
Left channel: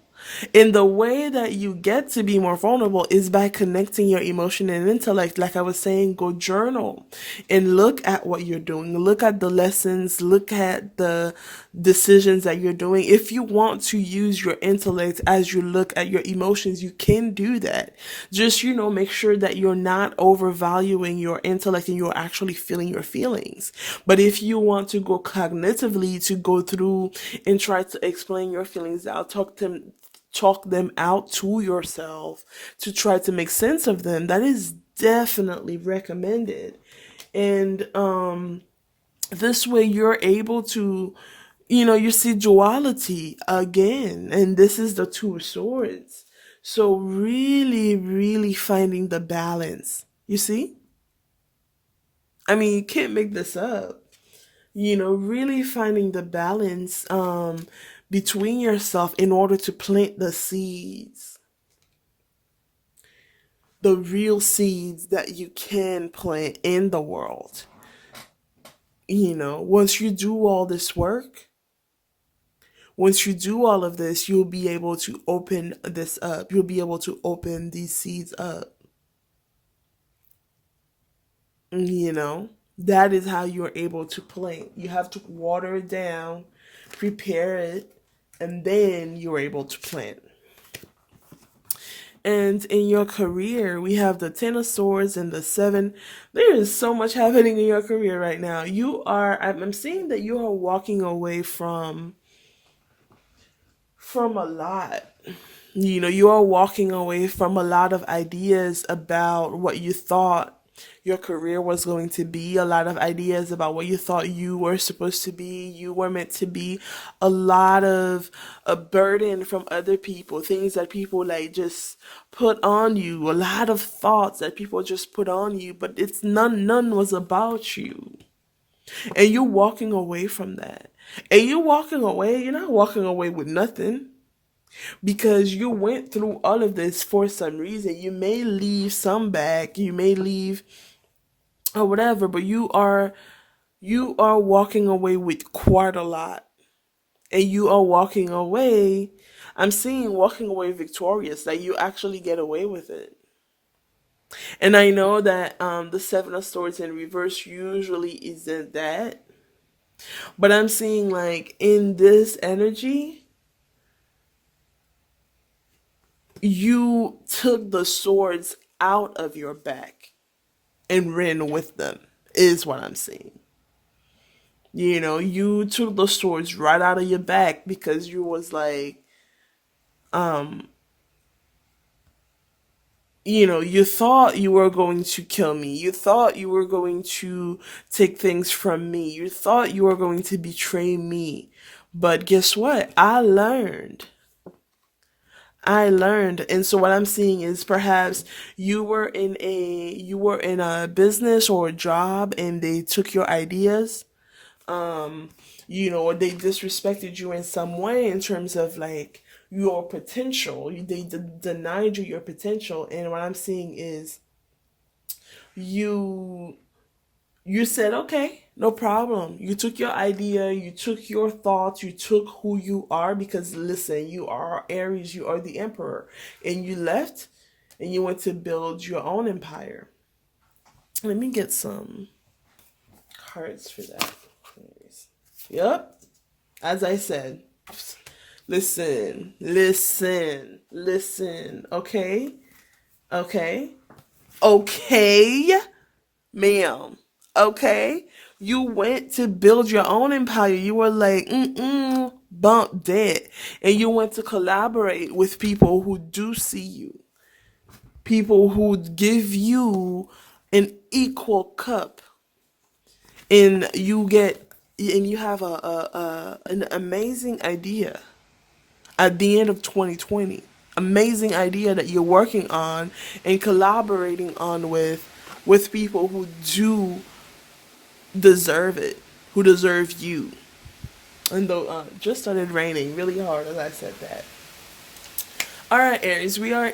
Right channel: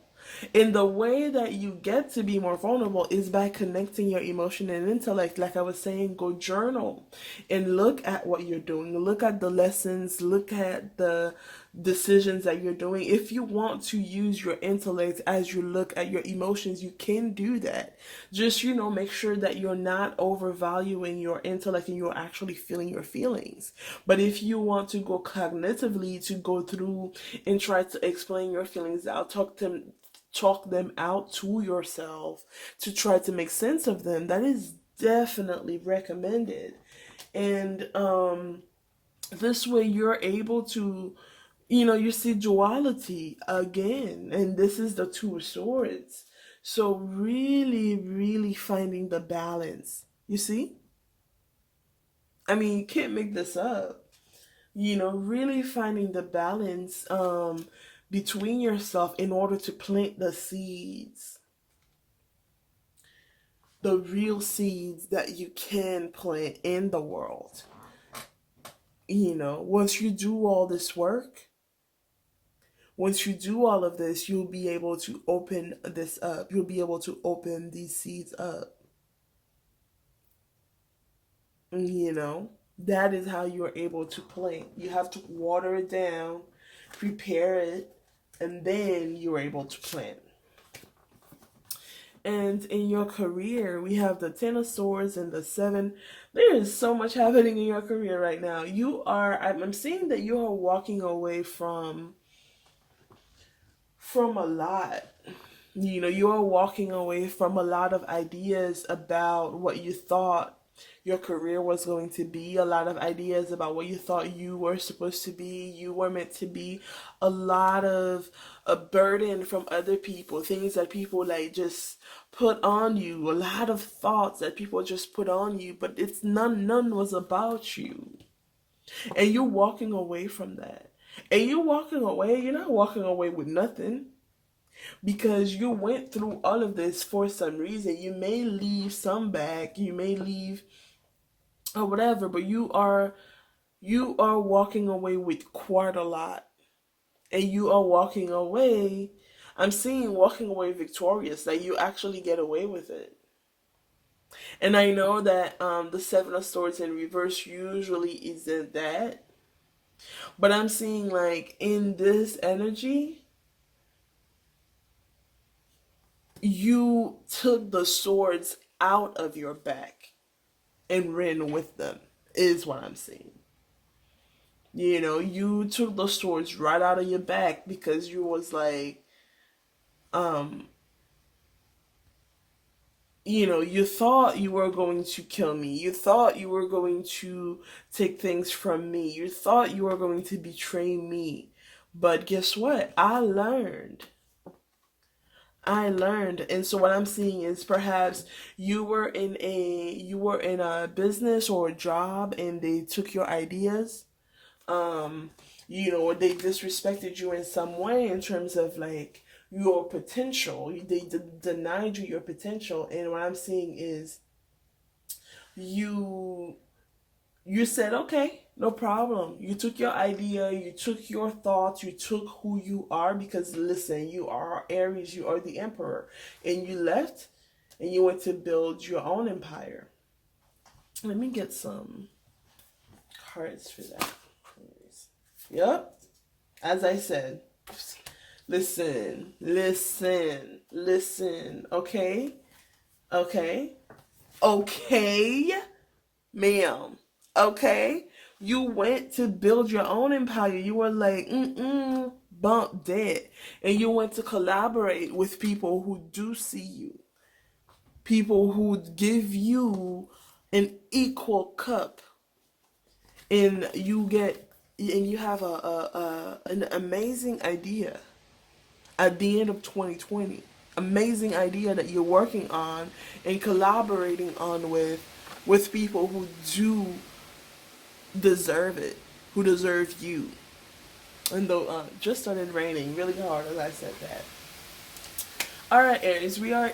And the way that you get to be more vulnerable is by connecting your emotion and intellect. Like I was saying, go journal and look at what you're doing. Look at the lessons. Look at the decisions that you're doing. If you want to use your intellect as you look at your emotions, you can do that. Just, make sure that you're not overvaluing your intellect and you're actually feeling your feelings. But if you want to go cognitively, to go through and try to explain your feelings out, talk them out to yourself, to try to make sense of them, that is definitely recommended. And this way you're able to, you see duality again, and this is the Two of Swords. So really, really finding the balance. You see? I mean, you can't make this up. Really finding the balance between yourself in order to plant the seeds, the real seeds that you can plant in the world. Once you do all this work, once you do all of this, you'll be able to open this up. You'll be able to open these seeds up. You know, that is how you're able to plant. You have to water it down, prepare it, and then you're able to plant. And in your career, we have the Ten of Swords and the Seven. There is so much happening in your career right now. I'm seeing that you are walking away from a lot. You are walking away from a lot of ideas about what you thought your career was going to be, a lot of ideas about what you thought you were supposed to be, you were meant to be, a lot of a burden from other people, things that people like just put on you, a lot of thoughts that people just put on you, but it's none was about you. And you're walking away from that. And you're not walking away with nothing, because you went through all of this for some reason. You may leave some back, you may leave or whatever, but you are walking away with quite a lot. And you are walking away, I'm seeing walking away victorious, that you actually get away with it. And I know that the Seven of Swords in reverse usually isn't that, but I'm seeing like in this energy, you took the swords out of your back and ran with them, is what I'm seeing. You took the swords right out of your back because you was like, um, you thought you were going to kill me. You thought you were going to take things from me. You thought you were going to betray me. But guess what? I learned. And so what I'm seeing is perhaps you were in a business or a job and they took your ideas. Or they disrespected you in some way in terms of like your potential. They denied you your potential. And what I'm seeing is you you said, okay, no problem. You took your idea, you took your thoughts, you took who you are, because listen, you are Aries, you are the emperor. And you left and you went to build your own empire. Let me get some cards for that. Yep. As I said, listen, listen, listen. Okay? Okay? Okay? Ma'am. Okay? You went to build your own empire. You were like, bump that. And you went to collaborate with people who do see you, people who give you an equal cup. And you have an amazing idea at the end of 2020. Amazing idea that you're working on and collaborating on with people who do deserve it, who deserve you. And though just started raining really hard as I said that. All right, Aries, we are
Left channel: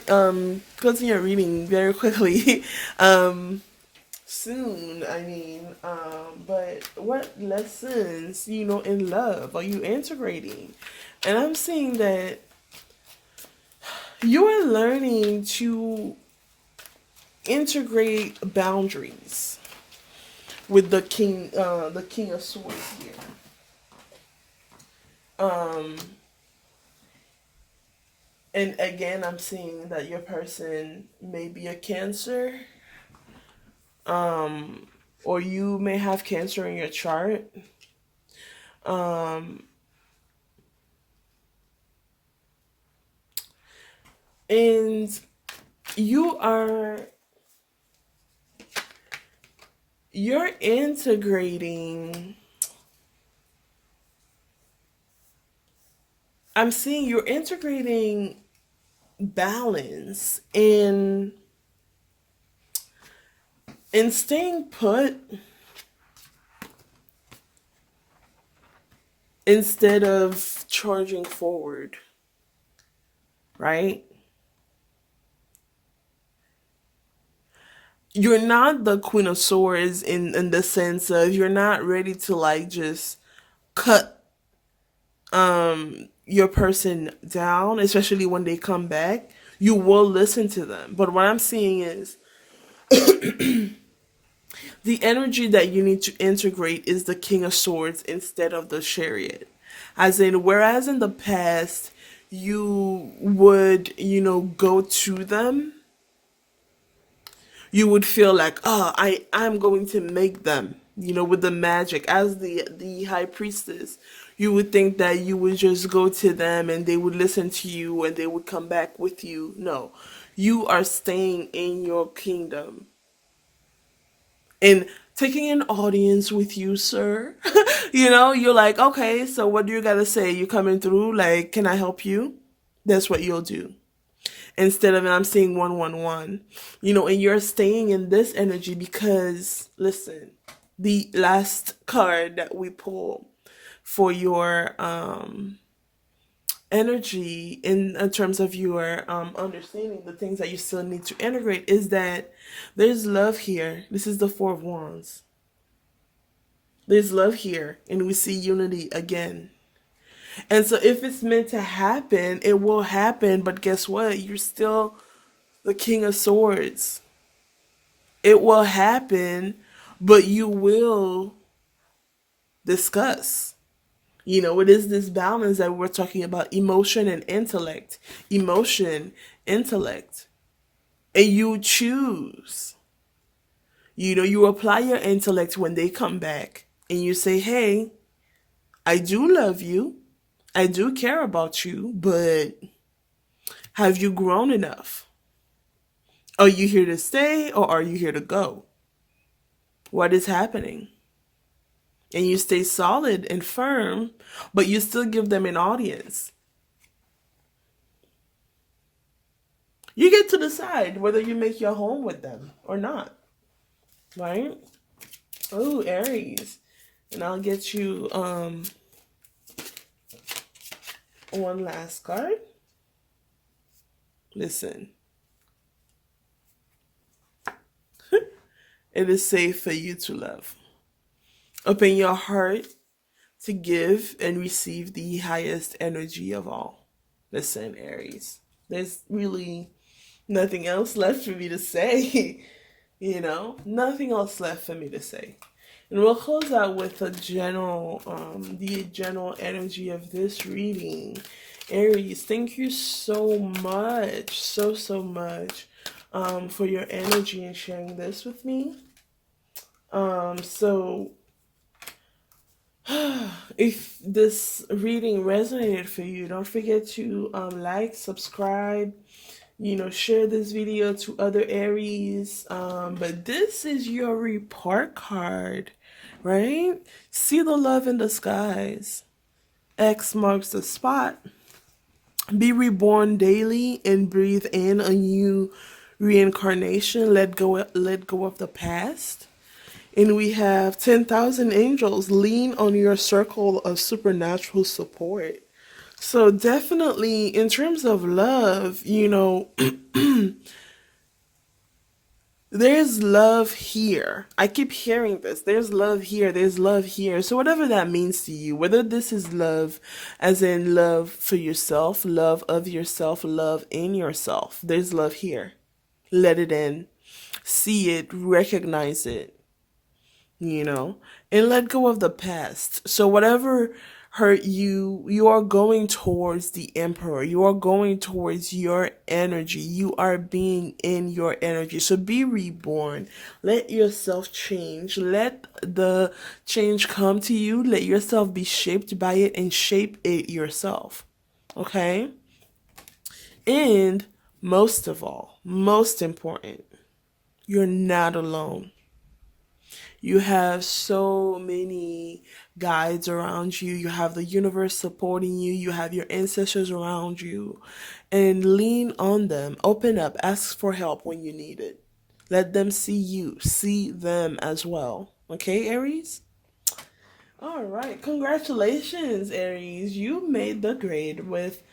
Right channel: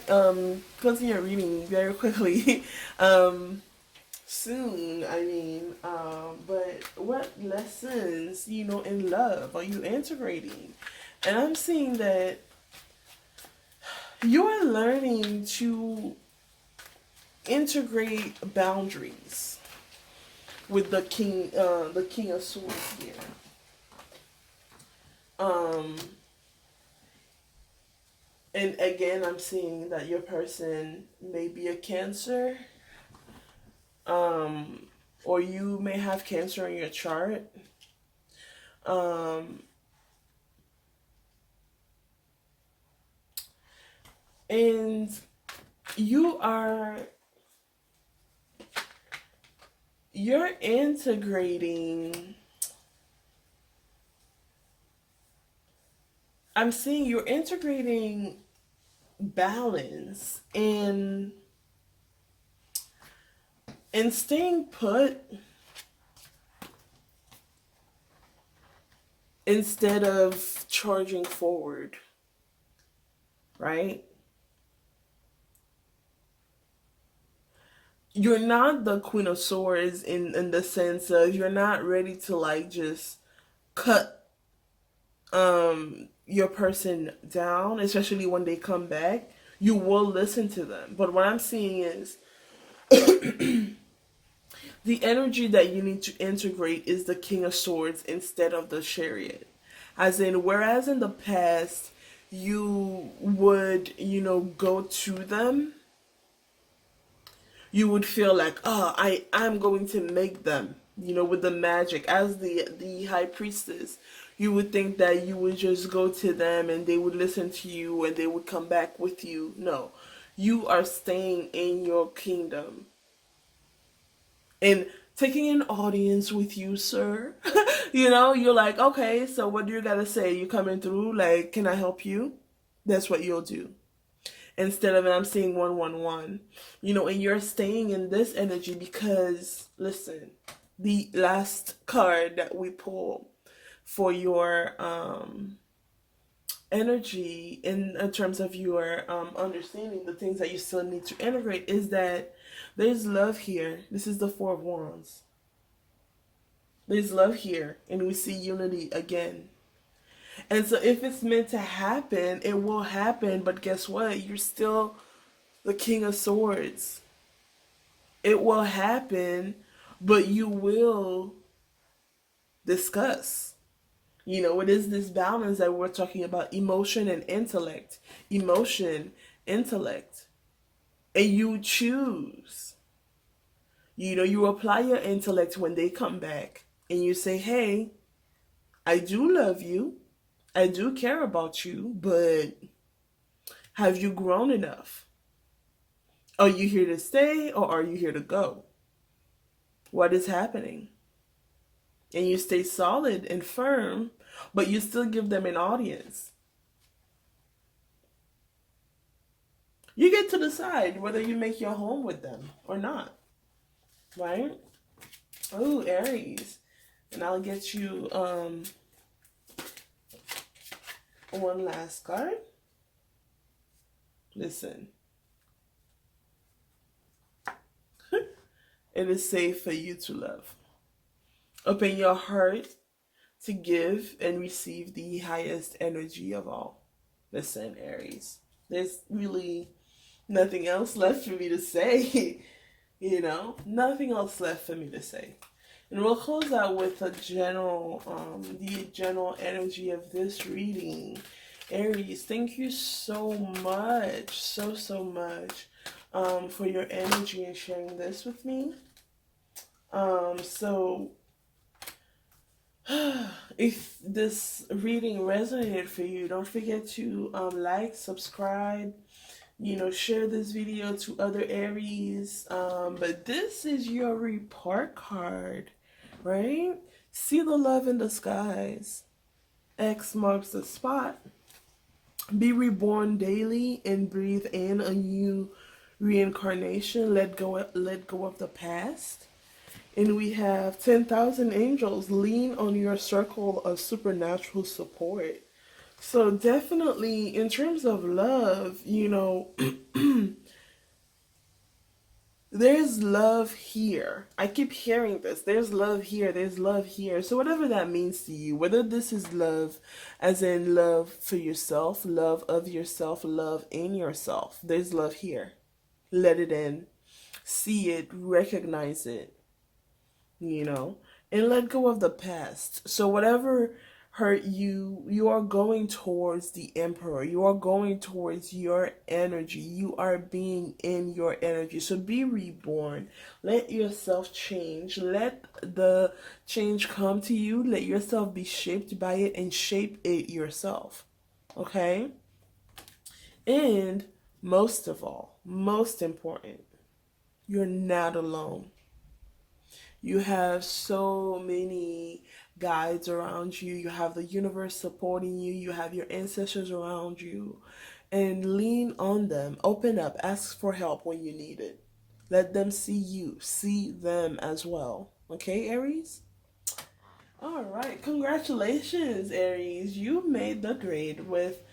closing your reading very quickly. Soon, I mean, but what lessons, in love are you integrating? And I'm seeing that you are learning to integrate boundaries with the King of Swords here. Um, and again, I'm seeing that your person may be a Cancer, um, or you may have Cancer in your chart. Um, and you are you're integrating, I'm seeing you're integrating balance in staying put instead of charging forward, right? You're not the Queen of Swords in the sense of you're not ready to like just cut your person down, especially when they come back. You will listen to them. But what I'm seeing is the energy that you need to integrate is the King of Swords instead of the Chariot. As in, whereas in the past you would, go to them, you would feel like, oh, I'm going to make them, with the magic as the high priestess. You would think that you would just go to them and they would listen to you and they would come back with you. No, you are staying in your kingdom and taking an audience with you, sir. You're like, okay, so what do you gotta say? You coming through? Like, can I help you? That's what you'll do. Instead of, I'm seeing 111, and you're staying in this energy because, listen, the last card that we pull for your energy in terms of your understanding the things that you still need to integrate is that there's love here. This is the Four of Wands. There's love here, and we see unity again. And so if it's meant to happen, it will happen. But guess what? You're still the King of Swords. It will happen, but you will discuss. It is this balance that we're talking about, emotion and intellect. Emotion, intellect. And you choose. You apply your intellect when they come back and you say, hey, I do love you. I do care about you, but have you grown enough? Are you here to stay or are you here to go? What is happening? And you stay solid and firm, but you still give them an audience. You get to decide whether you make your home with them or not. Right? Oh, Aries. And I'll get you one last card. Listen. It is safe for you to love. Open your heart to give and receive the highest energy of all. Listen, Aries. There's really nothing else left for me to say. Nothing else left for me to say. And we'll close out with the general energy of this reading. Aries, thank you so much, so much, for your energy and sharing this with me. So if this reading resonated for you, don't forget to like, subscribe, share this video to other Aries. But this is your report card, right? See the love in the skies. X marks the spot. Be reborn daily and breathe in a new reincarnation. Let go of the past. And we have 10,000 angels. Lean on your circle of supernatural support. So definitely in terms of love, there's love here. I keep hearing this. There's love here. There's love here. So whatever that means to you, whether this is love as in love for yourself, love of yourself, love in yourself, there's love here. Let it in. See it. Recognize it. And let go of the past. So whatever hurt you, you are going towards the Emperor. You are going towards your energy. You are being in your energy. So be reborn. Let yourself change. Let the change come to you. Let yourself be shaped by it and shape it yourself. Okay? And most of all, most important, you're not alone. You have so many guides around you. You have the universe supporting you. You have your ancestors around you. And lean on them. Open up. Ask for help when you need it. Let them see you. See them as well. Okay, Aries? All right. Congratulations, Aries. You made the grade with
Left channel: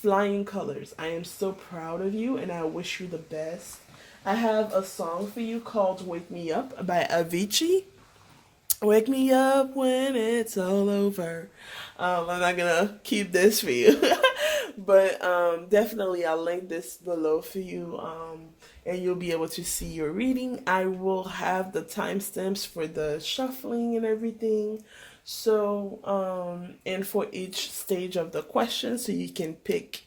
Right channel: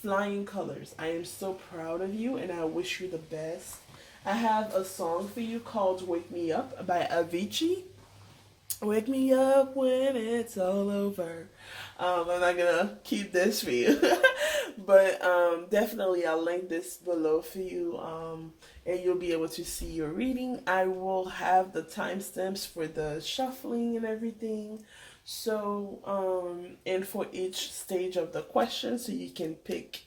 flying colors. I am so proud of you and I wish you the best. I have a song for you called Wake Me Up by Avicii. Wake me up when it's all over. I'm not gonna keep this for you, but definitely I'll link this below for you, and you'll be able to see your reading. I will have the timestamps for the shuffling and everything. So, and for each stage of the question, so you can pick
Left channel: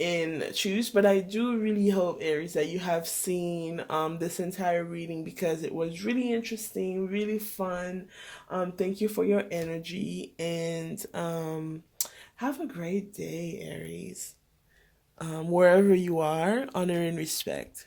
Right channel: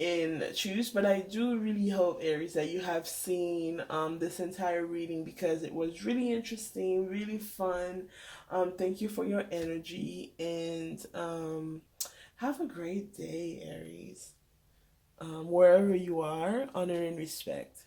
and choose. But I do really hope, Aries, that you have seen this entire reading because it was really interesting, really fun. Thank you for your energy and have a great day, Aries. Wherever you are, honor and respect.